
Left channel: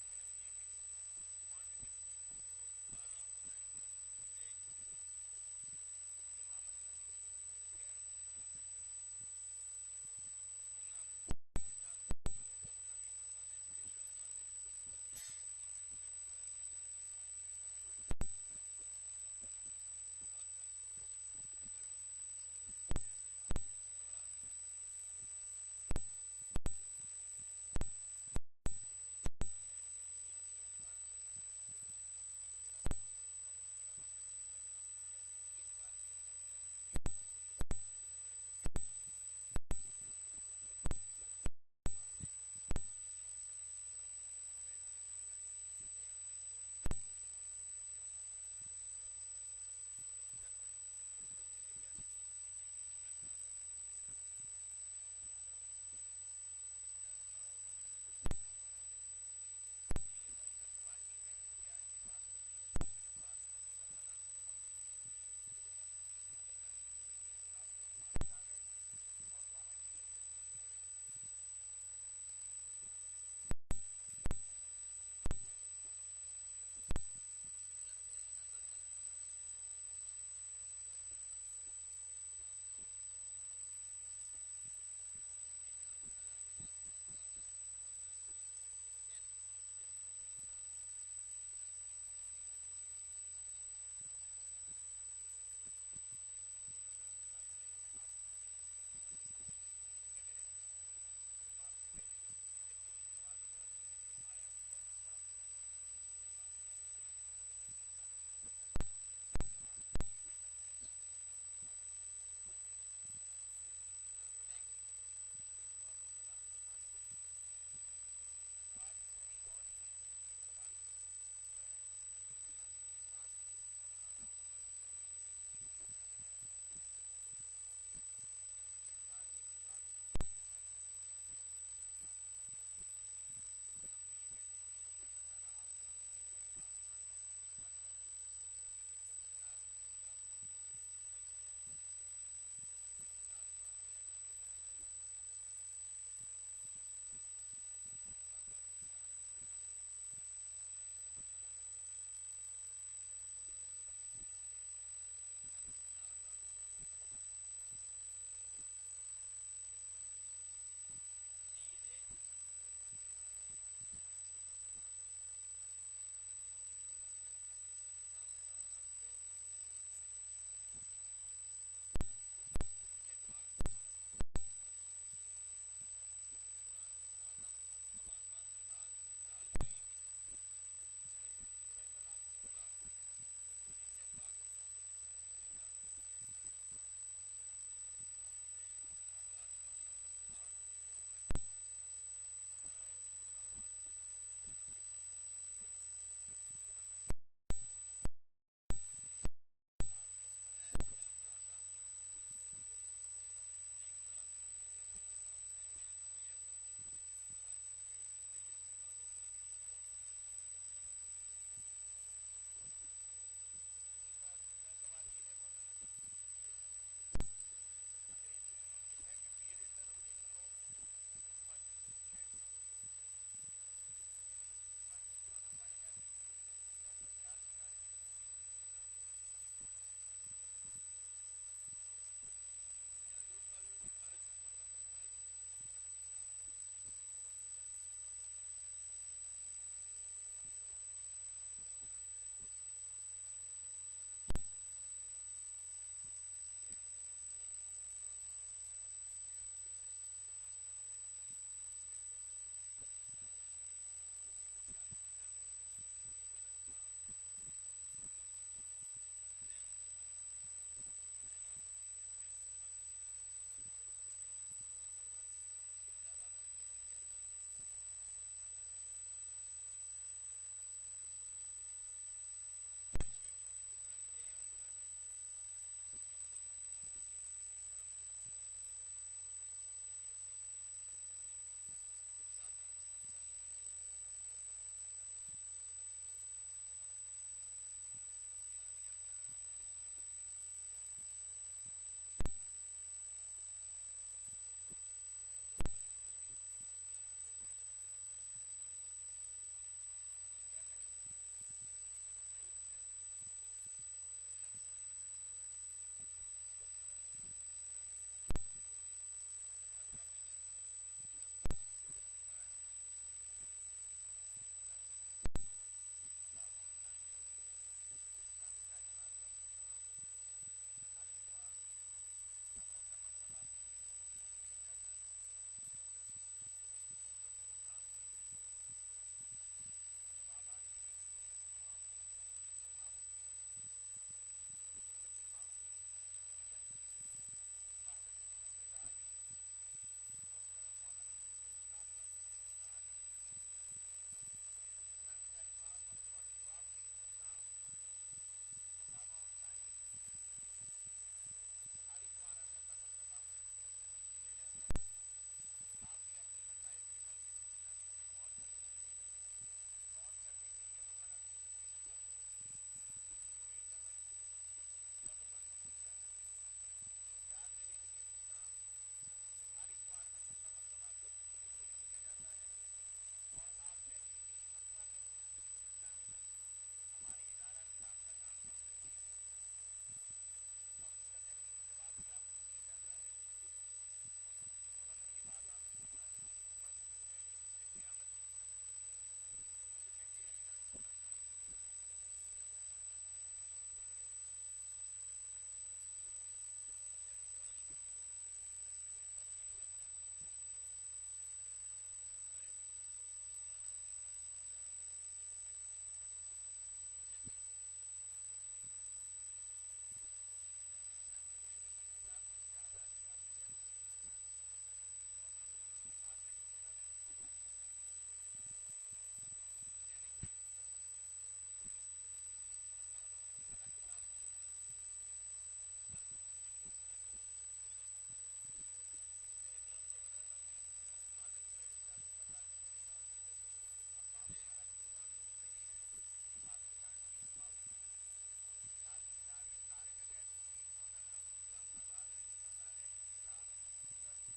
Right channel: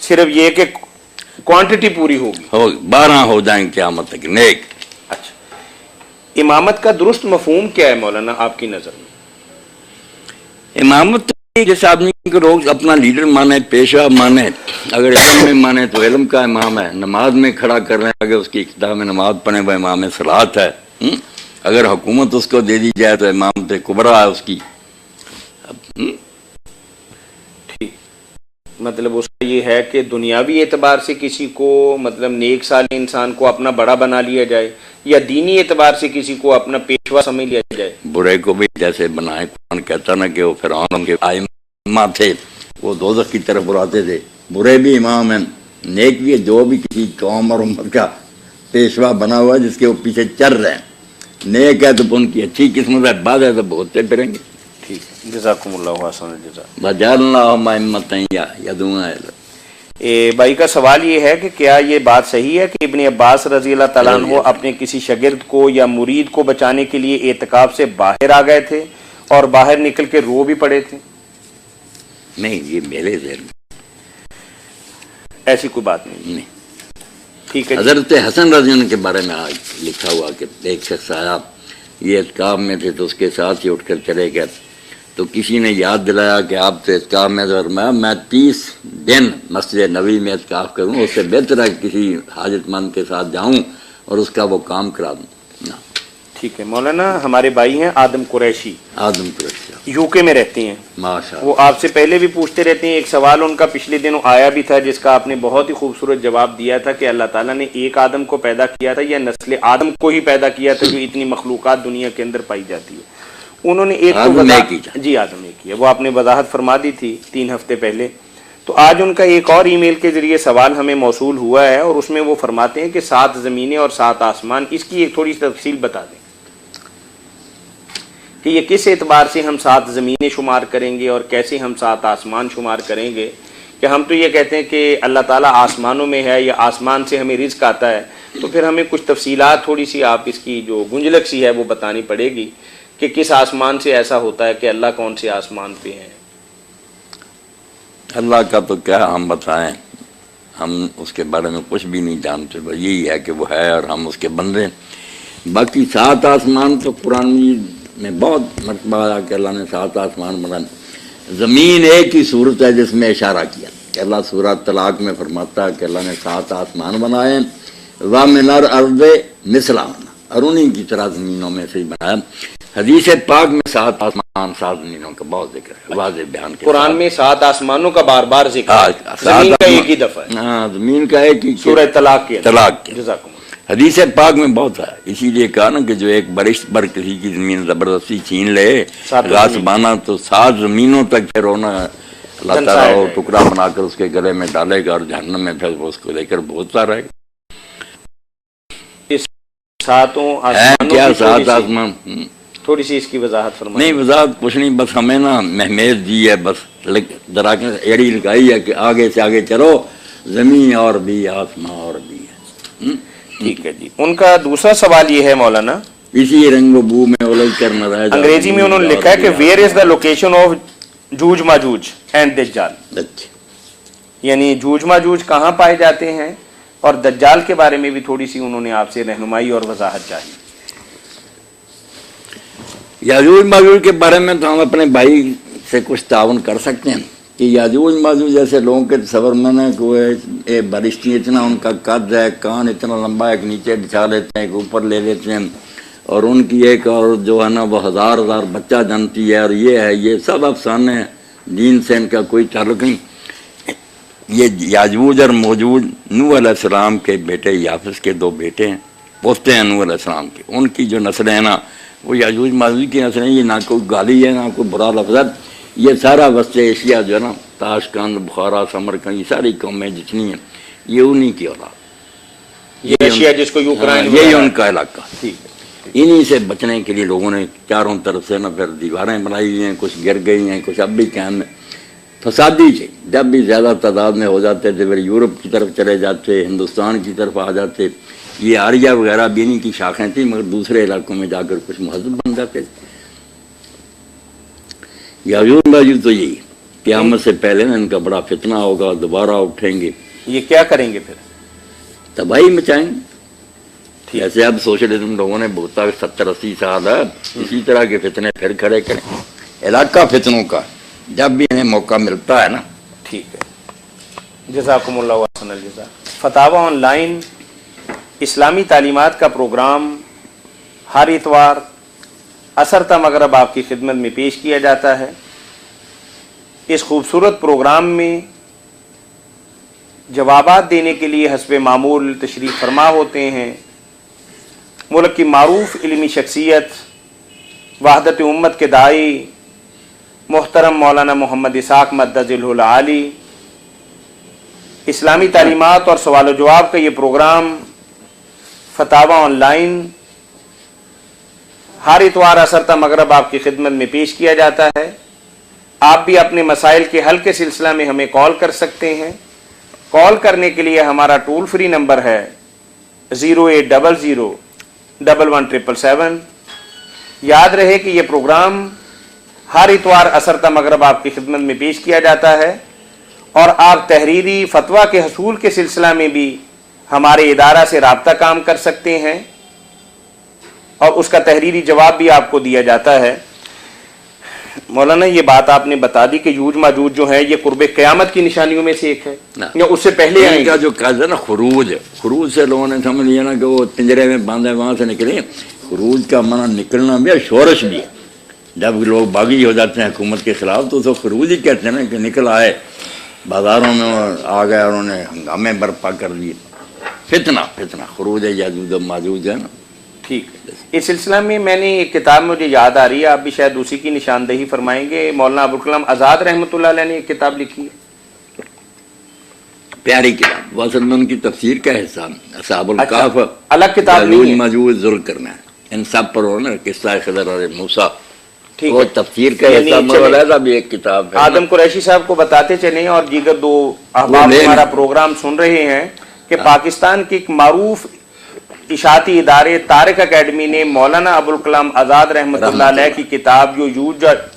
صرف یہ کہ کوانٹٹی پوری ہوگی، 12 ہو جائیں قیامت تک نیک۔ اچھا، امامت کا درست مفہوم کیا ہے مولانا آپ کی نظر میں؟ امامت جیسے آدمی کو لوگ اپنا لیڈر مانے، پیشہ مانے، اگر علم میں مانے تو علم کا امام ہے، نماز میں کھڑا کر رہے ہیں اگر اس کی ابتدا میں نماز پڑھیں وہ امام صلاۃ ہے، اگر حکومت اس کو دے دی جائے تو امامت کبریٰ ہے اس کی۔ ٹھیک، مطلب اس کا یہ ہے کہ دنیاوی اعتبار سے کسی کو مطلب نیک صالح انسان کو اپنا بڑا بنا لیا جائے، یا دینی اعتبار سے کسی کو اپنا پیشوا سمجھ لیا جائے؟ برے کو بھی جیسے بنائے، قرآن کہتا نا کہ وہ فرعون کے ائمہ تھے، وہ دوزخ کی طرف بلاتے تھے، برے بھی امام ہیں، نیک بھی ہے، جو بھی کسی قوم اور امت کا پیشوا بنا ہوا ہے جس کے وہ پیچھے چل رہے ہیں، نیک ہے تو ان کی اچھی قسمت ہے، بد ہے تو بھگتتے پھریں گے۔ ٹھیک، جزاکم اللہ حسن الجزا۔ وَجَعَلْنَاهُمْ أَئِمَّةً يَهْدُونَ إِلَى الْحَقِّ۔ بھائی کا سوال یہ ہے کہ کیا یہ بات صحیح ہے کہ ابن عباس رضی اللہ تعالیٰ عنہ اپنے کسی شاگرد کو یا مرید کو بچانے کے لیے اعتکاف سے باہر آ گئے تھے اور باہر نکل کے رو بھی پڑے تھے؟ نہیں، یہ میرے ذہن میں ایسی کوئی بات نہیں۔ ٹھیک ہے، حضرت حسن رضی اللہ عنہ کے بارے میں آج لکھا ہوا کہ ایک شخص آیا، یہ اعتکاف میں تھے تو اس کے ساتھ ہی اٹھ کر چلے گئے، تو کسی نے یاد دلایا کہ آپ تو اعتکاف میں، میں 30 دن مسجد نبوی میں اعتکاف کروں، اس سے بہتر ہے کسی حاجت مند کے ساتھ جاؤں اور اس کا وہ کام کرا دوں۔ ٹھیک ہے مولانا، ہمارے بھائی ہیں آدم قریشی، یو کے میں رہتے ہیں، ماشاءاللہ، وہ آپ سے پہلے بھی پوچھتے رہتے ہیں۔ ایک سوال ان کا پچھلے دنوں آیا بھی تھا جس کا آپ نے بہت ہی خوبصورت جواب دیا تھا کہ اللہ تعالیٰ نے ایک آدم کو پیدا کیا تھا یا نسل آدم کو ہی پیدا کیا تھا جو اتنی مخلوقات دنیا کے اندر پائی جاتی ہے؟ انہوں نے ایک جی آدم ایک کیا، وہ آپ نے وضاحت فرما دی تھی 3 ہفتے پہلے۔ تو آج ان کا ایک اور ای میل کے ذریعے سوال ہمیں موصول ہوا ہے اور اس میں وہ فرماتے ہیں کہ 7 زمینیں اور 7 آسمان، اس کی ایک تھوڑی سی تفصیل بتا دیں۔ کہ یہ کس اعتبار سے ہم 7 زمینیں شمار کریں گے اور کیسے ہم 7 آسمان شمار کریں گے؟ کہ ہم تو یہ کہتے ہیں کہ اللہ تعالیٰ آسمانوں میں ہے یا آسمان سے ہمیں رزق آتا ہے، تو پھر ہمیں کچھ تفصیلات تھوڑی سی آپ اس کی جو گنجلک سی ہے وہ بتانی پڑے گی کہ کس آسمان سے ایسا ہوتا ہے کہ اللہ کون سے آسمان پہ ہیں؟ اللہ کا تو کیا ہم بتائیں، ہم اس کے بارے میں کچھ بھی نہیں جانتے، بس یہی ہے کہ وہ ہے اور ہم اس کے بندے ہیں۔ باقی 7 آسمان تو قرآن میں بہت مرتبہ آیا کہ اللہ نے 7 آسمان بنائے۔ زمین ایک ہی صورت ہے جس میں اشارہ کیا کہ اللہ سورہ طلاق میں فرماتا ہے کہ اللہ نے 7 آسمان بنائے، وَمِنَ الْأَرْضِ مِثْلَهُنَّ، اور انہیں کی طرح زمینوں میں سے ہی بنایا۔ حدیث پاک میں 7 آسمان 7 زمینوں کا بہت ذکر ہے، واضح بیان کے قرآن میں 7 آسمانوں کا بار بار ذکر ہے، زمین کا ایک ہی دفعہ ہے، ہاں زمین کا ایک ہی سورہ طلاق کے طلاق کے جزاکم اللہ۔ حدیث پاک میں بہت ہے، اسی لیے کہا نا کہ جو ایک برش پر کسی کی زمین زبردستی چھین لے غاصبانہ، تو 7 زمینوں تک پھر ہونا اللہ تعالیٰ وہ ٹکڑا بنا کر اس کے گلے میں ڈالے گا اور جہنم میں پھر اس کو لے کر بھونتا رہے گا۔ اس 7 آسمانوں کیا کی 7 آسمان؟ تھوڑی سی اس کی وضاحت فرمائیں۔ نہیں وضاحت کچھ نہیں، بس ہمیں نا مہمیز دی ہے، بس ذرا ایڑی لگائی ہے کہ آگے سے آگے چلو، زمین اور بھی آسمان اور بھی ہے۔ ٹھیک ہے جی۔ ان کا دوسرا سوال یہ ہے مولانا، اسی رنگ و بو میں الگ کر نہ رہ جائے۔ انگریزی میں انہوں نے لکھا ہے کہ where is the location of جوج ماجوج اینڈ دجال، یعنی جوج ماجوج کہاں پائے جاتے ہیں، اور دجال کے بارے میں بھی تھوڑی سی انہوں نے آپ سے رہنمائی اور وضاحت چاہی۔ یاجوج ماجوج کے بارے میں تو ہم اپنے بھائی سے کچھ تعاون کر سکتے ہیں کہ یاجوج ماجوج جیسے لوگوں کے تصور میں نے کہ وہ بارشتی اتنا ان کا قد ہے، کان اتنا لمبا ہے کہ نیچے بچھا لیتے ہیں کہ اوپر لے لیتے ہیں، اور ان کی ایک اور جو ہے نا وہ 1000 بچہ جانتی ہے، اور یہ ہے، یہ سب افسانے ہیں، دین سے ان کا کوئی تعلق نہیں۔ یہ یاجوج اور موجوج نوح علیہ السلام کے بیٹے یافس کے 2 بیٹے ہیں، پوتے ہیں نوح علیہ السلام کے، ان کی جو نسلیں ہیں نا وہ یاجوج ماجوج کی نسلیں، یہ نہ کوئی گالی ہے نہ کوئی برا لفظ ہے، یہ سارا وسط ایشیا جو ہے نا، تاشقند، بخارا، سمرقند، یہ ساری قومیں جتنی ہیں یہ انہی کی اولاد، یہ ایشیا جس کو یوکرائن، یہی ان کا علاقہ۔ ٹھیک ہے۔ انہی سے بچنے کے لیے لوگوں نے چاروں طرف سے نا پھر دیواریں بنائی ہوئی ہیں، کچھ گر گئی ہیں، کچھ اب بھی قائم میں فسادی تھے، جب بھی زیادہ تعداد میں ہو جاتے تھے پھر یورپ کی طرف چلے جاتے، ہندوستان کی طرف آ جاتے، یہ آریہ وغیرہ بھی انہی کی شاخیں تھیں، مگر دوسرے علاقوں میں جا کر کچھ مہذب بن جاتے تھے۔ یاجوج ماجوج تو یہی قیامت سے پہلے نا ان کا بڑا فتنہ ہوگا، دوبارہ اٹھیں گے، یہ کیا کریں گے پھر؟ تباہی مچائیں گے۔ جیسے اب سوشلزم لوگوں نے بہتا 70-80 سال ہے، اسی طرح کے فتنے پھر کھڑے کریں، علاقہ فتنوں کا، جب بھی انہیں موقع ملتا ہے نا۔ ٹھیک ہے، جزاکم اللہ احسن الجزا۔ فتاوی آن لائن اسلامی تعلیمات کا پروگرام ہر اتوار عصر تا مغرب آپ کی خدمت میں پیش کیا جاتا ہے۔ اس خوبصورت پروگرام میں جوابات دینے کے لیے حسب معمول تشریف فرما ہوتے ہیں ملک کی معروف علمی شخصیت، وحدت امت کے داعی محترم مولانا محمد اسحاق مدد العالی۔ اسلامی تعلیمات اور سوال و جواب کا یہ پروگرام فتاوی آن لائن ہر اتوار عصر تا مغرب آپ کی خدمت میں پیش کیا جاتا ہے۔ آپ بھی اپنے مسائل کے حل کے سلسلہ میں ہمیں کال کر سکتے ہیں۔ کال کرنے کے لیے ہمارا ٹول فری نمبر ہے 08001177777۔ یاد رہے کہ یہ پروگرام ہر اتوار عصر تا مغرب آپ کی خدمت میں پیش کیا جاتا ہے، اور آپ تحریری فتویٰ کے حصول کے سلسلہ میں بھی ہمارے ادارہ سے رابطہ قائم کر سکتے ہیں، اور اس کا تحریری جواب بھی آپ کو دیا جاتا ہے۔ مولانا یہ بات آپ نے بتا دی کہ یوج ماجوج جو ہے یہ قرب قیامت کی نشانیوں میں سے ایک ہے، یا اس سے پہلے ان کا جو قصد ہے نا خروج، خروج سے لوگوں نے سمجھ لیا نا کہ وہ پنجرے میں باندھے وہاں سے نکلیں۔ خروج کا معنی نکلنا بھی ہے، شورش بھی ہے۔ جب لوگ باغی ہو جاتے ہیں حکومت کے خلاف تو اسے خروج ہی کہتے ہیں نا، کہ نکل آئے بازاروں میں آ گئے اور انہیں ہنگامے برپا کر دیے۔ فتنہ خروج یاجوج و ماجوج ہے نا۔ ٹھیک ہے، اس سلسلہ میں نے ایک کتاب مجھے یاد آ رہی ہے، آپ بھی شاید اسی کی نشاندہی فرمائیں گے۔ مولانا ابوالکلام آزاد رحمۃ اللہ علیہ نے ایک کتاب لکھی ہے، پیاری کتاب، وہ اصل میں ان کی تفسیر کا حصہ، اصحاب الکہف، الگ کتاب نہیں ہے، ماجوج ذوالقرنین، ان سب پر انہوں نے قصہ خضر اور موسیٰ ٹھیک وہ ہے تفسیر کا یعنی حصہ چلے، مولانا بھی ایک کتاب ہے آدم قریشی صاحب کو بتاتے چلیں اور دیگر دو احباب نہیں، ہمارا نہیں۔ پروگرام سن رہے ہیں کہ پاکستان کے ایک معروف اشاعتی ادارے طارق اکیڈمی نے مولانا ابوالکلام آزاد رحمۃ اللہ علیہ کی کتاب جو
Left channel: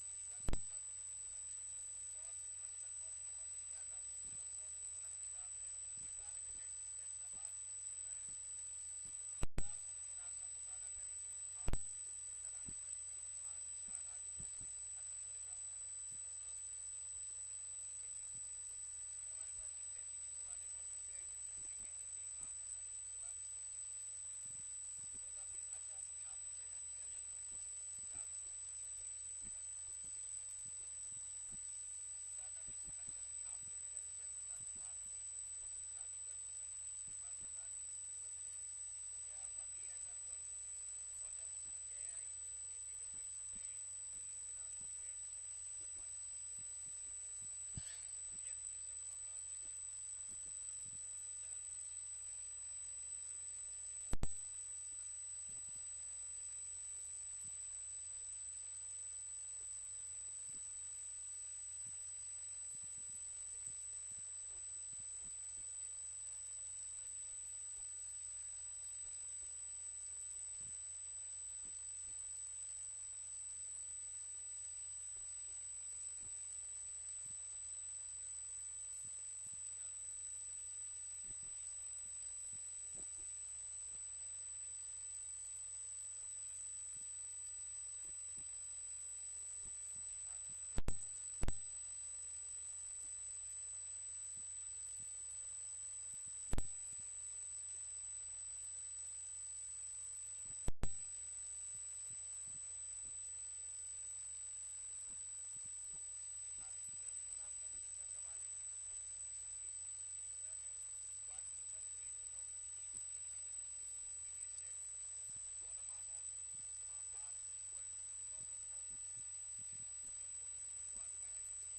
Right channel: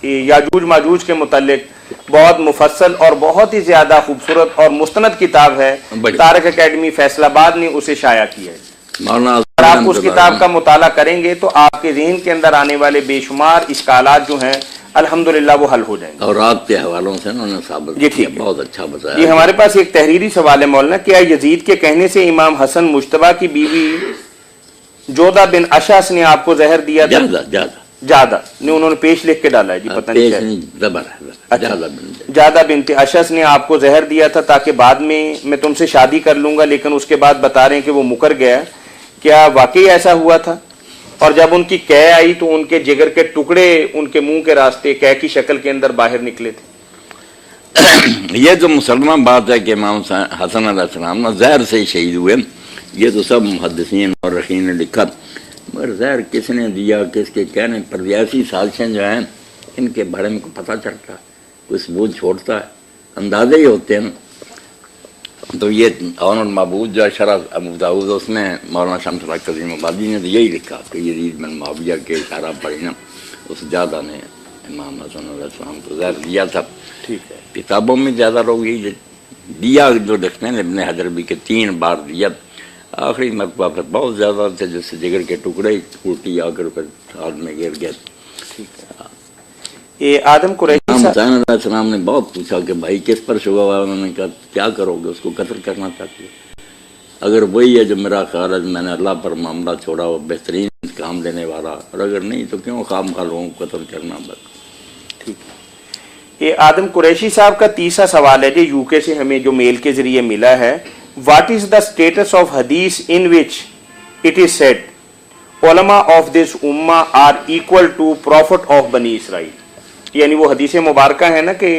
یاجوج ماجوج کے متعلق بہت مفصل اور بہت ہی زیادہ خوبصورت اور مستند کتاب ہے، بڑی طارق اکیڈمی فیصل آباد نے اسے شائع کیا ہے۔ مولانا اگر آپ اس کتاب کا مطالعہ کریں گے تو آپ کے ذہن کے اندر آنے والے بے شمار اشکالات جو ہیں الحمدللہ وہ حل ہو جائیں گے۔ اور آپ کے حوالوں سے انہوں نے ثابت جی کیا، ٹھیک ہے۔ بہت اچھا بتایا۔ جی ہمارے پاس ایک تحریری سوال ہے مولانا، کیا یزید کے کہنے سے امام حسن مجتبیٰ کی بیوی جودہ بن اشعث نے آپ کو زہر دیا تھا؟ جادہ نے انہوں نے پیش لکھ کے ڈالا ہے جی، پتہ نہیں کیا ہے۔ جادہ بنت اشعث نے آپ کو زہر دیا تھا تاکہ بعد میں تم سے شادی کر لوں گا، لیکن اس کے بعد بتا رہے ہیں کہ وہ مکر گیا۔ کیا واقعی ایسا ہوا تھا؟ اور جب ان کی قے آئی تو ان کے جگر کے ٹکڑے ان کے منہ کے راستے قے کی شکل کے اندر باہر نکلے تھے؟ یہ جو مسلمہ بات ہے کہ امام حسن علیہ السلام زہر سے ہی شہید ہوئے، یہ تو سب محدثین اور رخین نے لکھا، مگر زہر کس نے دیا، کس کے کہنے پر ایسی سازشیں جو ہیں ان کے بارے میں کو پتہ چلتا ہے، کوئی ثبوت چھوڑتا ہے، اندازے ہی ہوتے ہیں۔ تو یہ عون المعبود جو شرح ابو داؤد، اس میں مولانا شمس الحق عظیم آبادی نے تو یہی لکھا کہ یزید بن معاویہ کے اشارہ پڑھی نا، اس جادہ نے امام حسن علیہ السلام کو زہر دیا تھا۔ ٹھیک ہے۔ کتابوں میں زیادہ لوگ یہی دیا جو لکھتے ہیں، ابن حجر بھی کہ 3 بار دیا، آخری مرتبہ پھر بہت زیادہ تھے، جس سے جگر کے ٹکڑے ٹوٹی آ کر پھر ہاتھ میں گر گئے۔ یہ آدم قریشی امام صاحب، حسین علیہ السلام نے بہت پوچھا کہ بھائی کس پر شبہ ہوا، انہوں نے کہا کیا کرو گے، اس کو قتل کرنا چاہتے ہو؟ اگر وہی ہے جو میرا خیال ہے، میں نے اللہ پر معاملہ چھوڑا، وہ بہترین کام دینے والا، اور اگر نہیں تو کیوں خام خواہ لوگوں کو قتل کرنا؟ بس ٹھیک ہے۔ یہ آدم قریشی صاحب کا تیسرا سوال ہے جو یو کے سے ہمیں جو میل کے ذریعے ملا ہے، what is the status of حدیث in which it is said علماء آف دس امہ are equal to prophet of بنی اسرائیل؟ یعنی وہ حدیث مبارکہ ہے نا کہ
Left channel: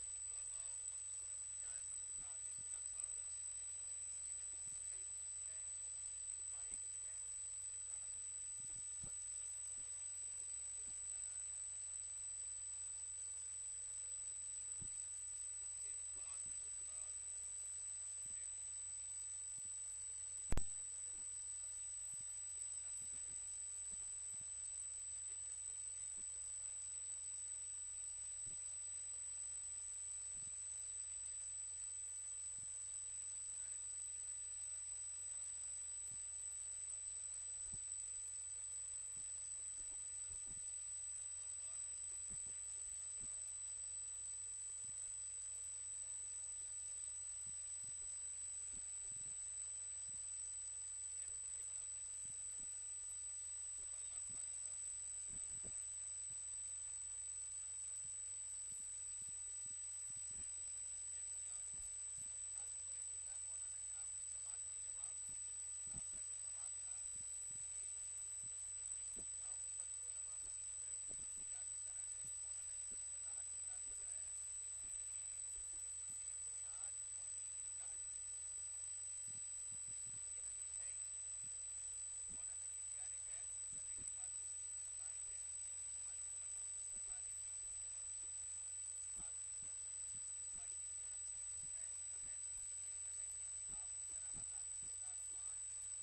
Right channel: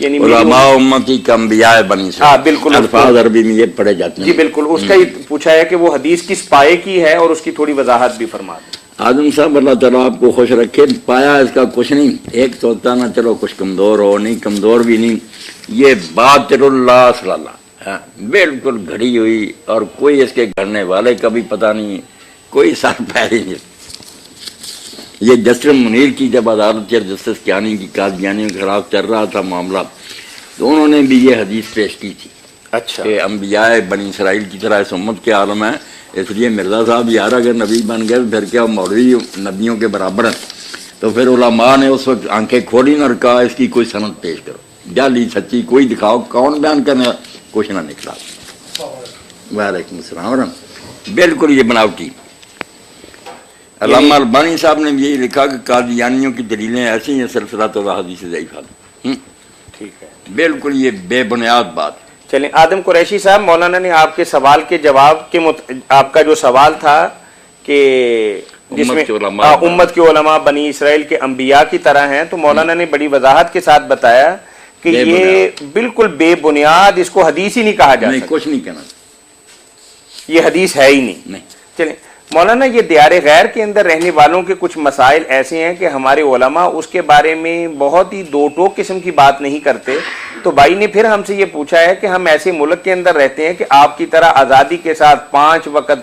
یعنی علماء امتی کا انبیاء بنی اسرائیل، ہاں بالکل، الفاظ عربی میں یہ پڑھے جاتے ہیں۔ جی بالکل، اس کا ہی پوچھا ہے کہ وہ حدیث کس پائے کی ہے اور اس کی تھوڑی وضاحت بھی فرما دیں۔ آدم صاحب اللہ تعالیٰ آپ کو خوش رکھے، پایا اس کا کچھ نہیں، ایک تو ہوتا نا چلو کچھ کمزور ہو، نہیں کمزور بھی نہیں، یہ باطل اللہ صلی اللہ بالکل گھڑی ہوئی، اور کوئی اس کے گھڑنے والے کا بھی پتہ نہیں، کوئی سر پیر ہی نہیں۔ یہ جسٹس منیر کی جب عدالت یا جسٹس کیانی کی قادیانیوں کے خلاف چل رہا تھا معاملہ، تو انہوں نے بھی یہ حدیث پیش کی تھی اچھا، کہ انبیاء بنی اسرائیل کی طرح اس امت کے عالم ہے، اس لیے مرزا صاحب یار اگر نبی بن گئے پھر کیا مولوی نبیوں کے برابر ہیں؟ تو پھر علماء نے اس وقت آنکھیں کھولی اور کہا اس کی کوئی سند پیش کرو، جعلی سچی کوئی دکھاؤ، کون بیان کرنے؟ کچھ نہ نکلا۔ وعلیکم السلام، بالکل یہ بناوٹی۔ علامہ البانی صاحب نے یہی لکھا کہ قادیانیوں کی دلیلیں ایسی ہیں سلسلہ حدیث ضعیفہ، ٹھیک ہے، بالکل یہ بے بنیاد بات۔ چلیں آدم قریشی صاحب، مولانا نے آپ کے سوال کے جواب کے آپ کا جو سوال تھا کہ جس میں امت کے علماء بنی اسرائیل کے انبیاء کی طرح ہیں، تو مولانا نے بڑی وضاحت کے ساتھ بتایا کہ یہ بالکل بے بنیاد، اس کو حدیث ہی نہیں کہا جا سکتا، کچھ نہیں کہنا، یہ حدیث ہے ہی نہیں۔ چلیں مولانا، یہ دیار غیر کے اندر رہنے والوں کے کچھ مسائل ایسے ہیں کہ ہمارے علماء اس کے بارے میں بہت ہی دو ٹوک قسم کی بات نہیں کرتے، تو بھائی نے پھر ہم سے یہ پوچھا ہے کہ ہم ایسے ملک کے اندر رہتے ہیں کہ آپ کی طرح آزادی کے ساتھ 5 وقت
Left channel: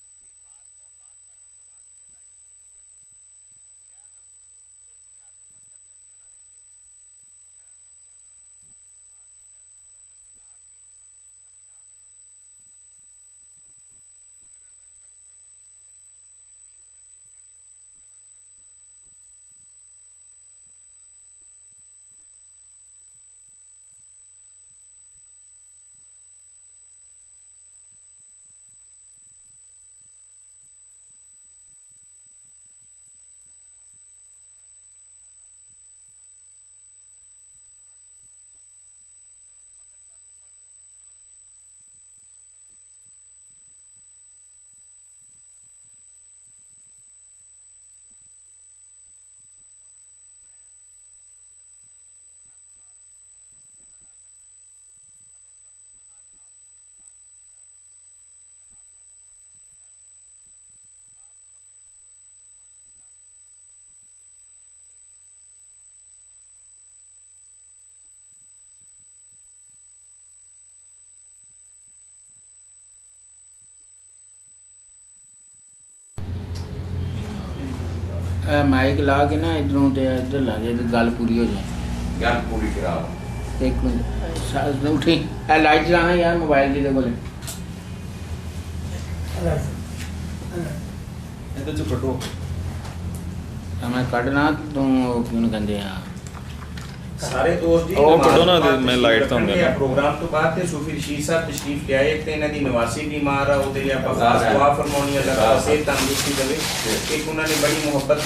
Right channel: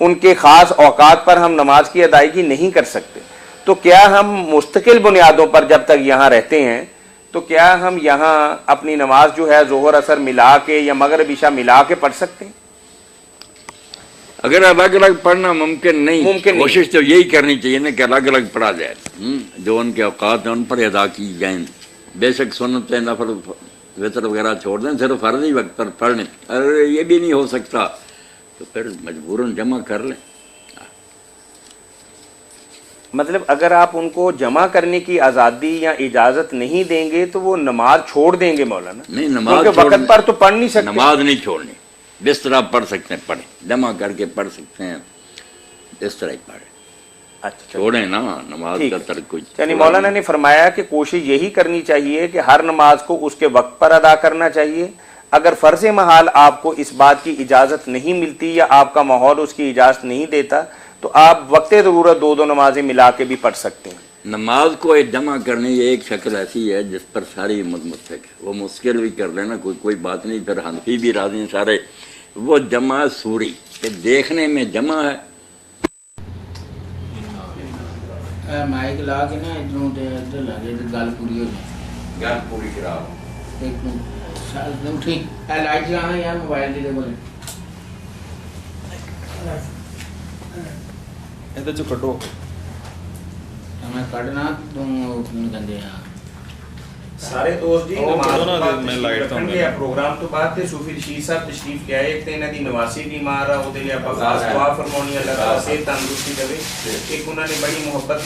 ان کے خاص اوقات پر ہم نماز کی ادائیگی نہیں کر سکتے، تو کیا ہم مستقل بنیادوں پر جب تک یہاں رہتے ہیں تو کیا ہم یہاں اپنی نماز جو ہے ظہر اثر ملا کے یا مغرب عشاء ملا کے پڑھ سکتے ہیں؟ اگر الگ الگ پڑھنا ممکن نہیں، کوشش تو یہی کرنی چاہیے نا کہ الگ الگ پڑھا جائے، جو ان کے اوقات ہیں ان پر ادا کی جائیں، بے شک سنت نفل وطر وغیرہ چھوڑ دیں، صرف فرضی وقت پر پڑھ لیں۔ اگر یہ بھی نہیں ہو سکتا تو پھر مجبوراً جمع کر لیں۔ مطلب اگر آپ ان کو جمع کرنے کی آزادی یا اجازت نہیں دیں گے تو وہ نماز چھوڑ دیں گے مولانا؟ نہیں، نماز وقت پر تو پڑھ نہیں سکتے، نماز نہیں چھوڑنی، جس طرح پڑھ سکتے ہیں پڑھیں، جمع کر کے پڑھ سکتے ہیں، اس طرح ہی پڑھیں، اچھا چھوڑیں نا نماز کا ترک کچھ۔ یعنی مولانا نے فرمایا کہ کوشش یہی کرنی چاہیے کہ ہر نماز کو اس کے وقت پر ادا کرنا چاہیے، اگر فرض محال آپ کو اس بات کی اجازت نہیں ملتی یا آپ کا ماحول اس کی اجازت نہیں دیتا تو آپ وقت ضرورت 2 نمازیں ملا کے بھی پڑھ سکتے ہیں۔ نماز کو جمع کرنے کی ایک شکل ایسی ہے جس پر ساری امت متفق ہے، وہ مشکل بھی کر لینا کوئی بات نہیں، پھر حنفی بھی راضی ہیں سارے، وہ جمع سوری کہ دیکھنے میں جمع ہے۔ مائک لا کے نا ادھروں ادھر لا کے گل پوری ہو جائے، گل پوری کراؤ۔ ایک منٹ اٹھی لائٹ چلانا یار موبائل کی بولے ਇਹਦੇ ਚੋਂ ਕੱਢੋ میں کٹنا توں کیوں کہندے ہیں سارے دوست جی ਉਹ ਕੱਢੋ ਨਾ نماز ਮੈਂ ਲਾਈਟ ਤਾਂ رکھਣਗੇ ਆ ਪ੍ਰੋਗਰਾਮ ਤੋਂ ਬਾਅਦ ਤੇ ਸੂਫੀ ਰਸ਼ੀਦ ਸਾਹਿਬ ਤਸ਼ਰੀਫ ਲਿਆਏ। ਇੱਕ ਤੇ ਇਹਨਾਂ ਦੀ ਨਵਾਸੀ ਬਿਮਾਰ ਆ, ਉਹਦੇ ਲਈ ਆਪਾਂ ਖਾਸ ਦੁਆ ਫਰਮਾਉਣੀ, ਅੱਲਾਹ ਤਾਲਾ ਸਿਹਤ ਤੰਦਰੁਸਤੀ ਦੇਵੇ। ਇੱਕ ਉਹਨਾਂ ਨੇ ਬੜੀ ਮੁਹੱਬਤ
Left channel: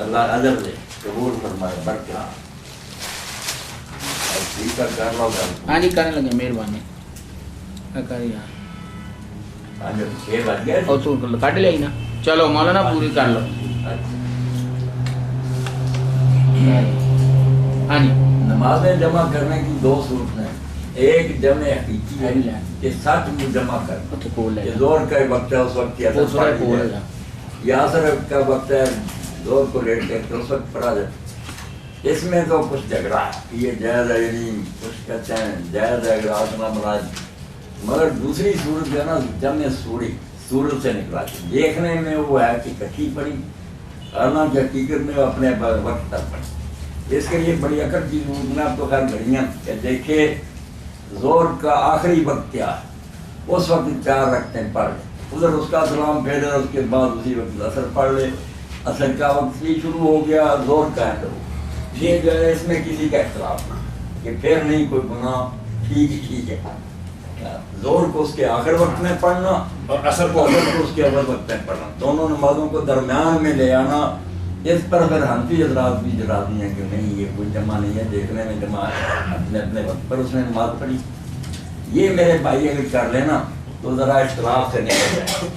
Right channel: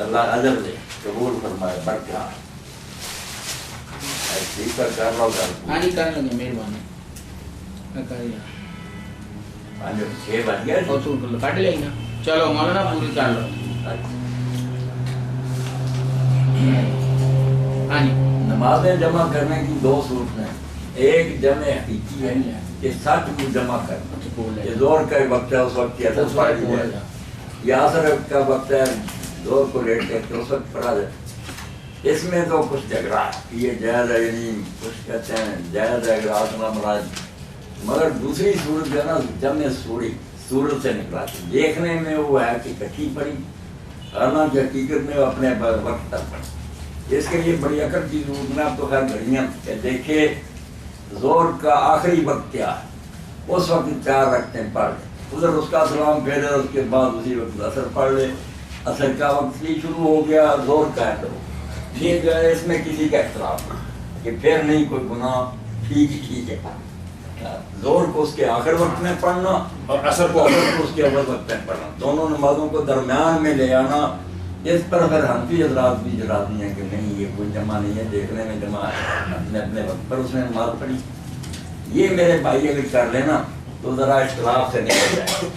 اللہ اجر دے قبول فرمائے برکت ٹھیک کر لو گل ہاں جی کرنے لگے مہربانی کر یار 6 بج گئے اور تو کٹ لئی نا چلو مولانا پوری کر لو ہاں جی نمازیں جمع کرنے کی 2 صورتیں ہیں، ایک جمع حقیقی ہے کہ سچ میں جمع کرنا، یہ زور کا وقت ہے اس وقت کی اثر پڑ جائے، یا اثر کا وقت ہے زور کو لیٹ کر کے اس وقت پڑا جائے۔ اس میں تو کچھ جھگڑا ہے، یہ جائز ہے یعنی کچھ کہتے ہیں جائز ہے اگر آسنا مراد، مگر دوسری صورت جو ہے نا جمع سوری صورت سے نکلا کے دیکھنے میں وہ ہے کہ کٹھی پڑی، حالانکہ حقیقت میں وہ اپنے وقت تک پڑی۔ اس کے لیے بڑی عقل کی ضرورت میں اب تو خیر گھڑیاں کہ دیکھے زور کا آخری وقت کیا ہے، اس وقت 4 رکعتیں پڑھ لیں، ادھر اس کا سلام پھیرے، اس کے بعد اسی وقت اثر پڑھ لے، اثر کا وقت بھی شروع ہو گیا، زور کا ہے تو ٹھیک ہے، اس میں کسی کا اختلاف نہیں کہ پھر نہیں کوئی گناہ، ٹھیک ہے۔ زور کو اس کے آخر وقت میں پڑھنا اور اثر کو اس کے اول وقت میں پڑھنا، دونوں نمازوں کو درمیان میں لے آنا، اس پر پھر حنفی حضرات بھی راضی ہیں کہ نہیں یہ کوئی جمع نہیں ہے، دیکھنے میں جمع ہے، اپنے اپنے وقت پر اس نے نماز پڑھی۔ یہ میرے بھائی اگر کر لینا تو ذرا اختلاف سے نکل جائے۔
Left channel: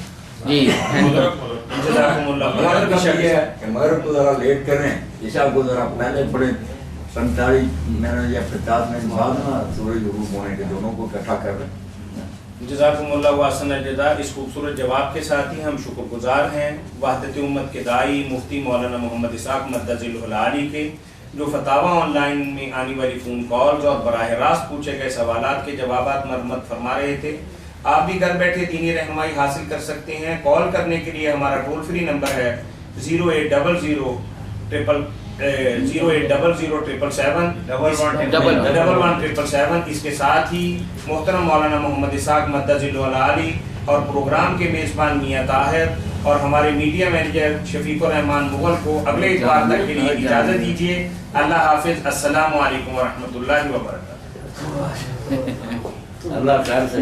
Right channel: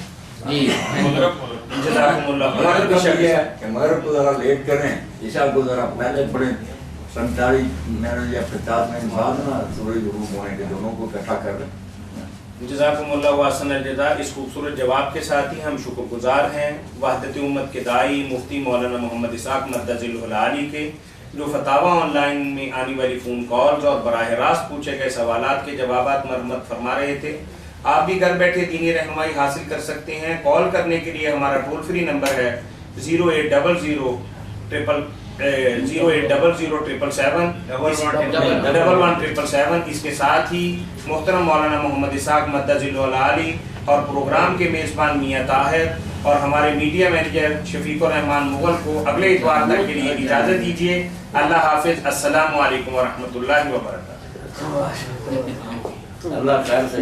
جی جزاکم اللہ مغرب کا بھی ہے کہ مغرب کو ذرا لیٹ کریں، عشاء کو ذرا پہلے پڑھیں، 45 منٹ یا 50 منٹ بعد نا سورج غروب ہونے کے دونوں کو اکٹھا کر لیں۔ جزاکم اللہ واسن الجزا۔ اس خوبصورت جواب کے ساتھ ہی ہم شکر گزار ہیں وحدت امت کے داعی مفتی مولانا محمد اسحاق مدظ العلی کے، جو فتاوی آن لائن میں آنے والی فون کالز اور براہ راست پوچھے گئے سوالات کے جوابات مرمت فرما رہے تھے۔ آپ بھی گھر بیٹھے دینی رہنمائی حاصل کر سکتے ہیں۔ کال کرنے کے لیے ہمارا ٹول فری نمبر ہے 08000 1177 اس کے ساتھ ہی محترم مولانا محمد اسحاق مدظ العلی اور پروگرام کے میزبان میاں طاہر اور ہمارے میڈیا مینیجر شفیق الرحمان مغل کو اگلے اتوار تک کے لیے اجازت دیجیے۔ اللہ حافظ، السلام علیکم ورحمۃ اللہ وبرکاتہ۔ اللہ خیر سے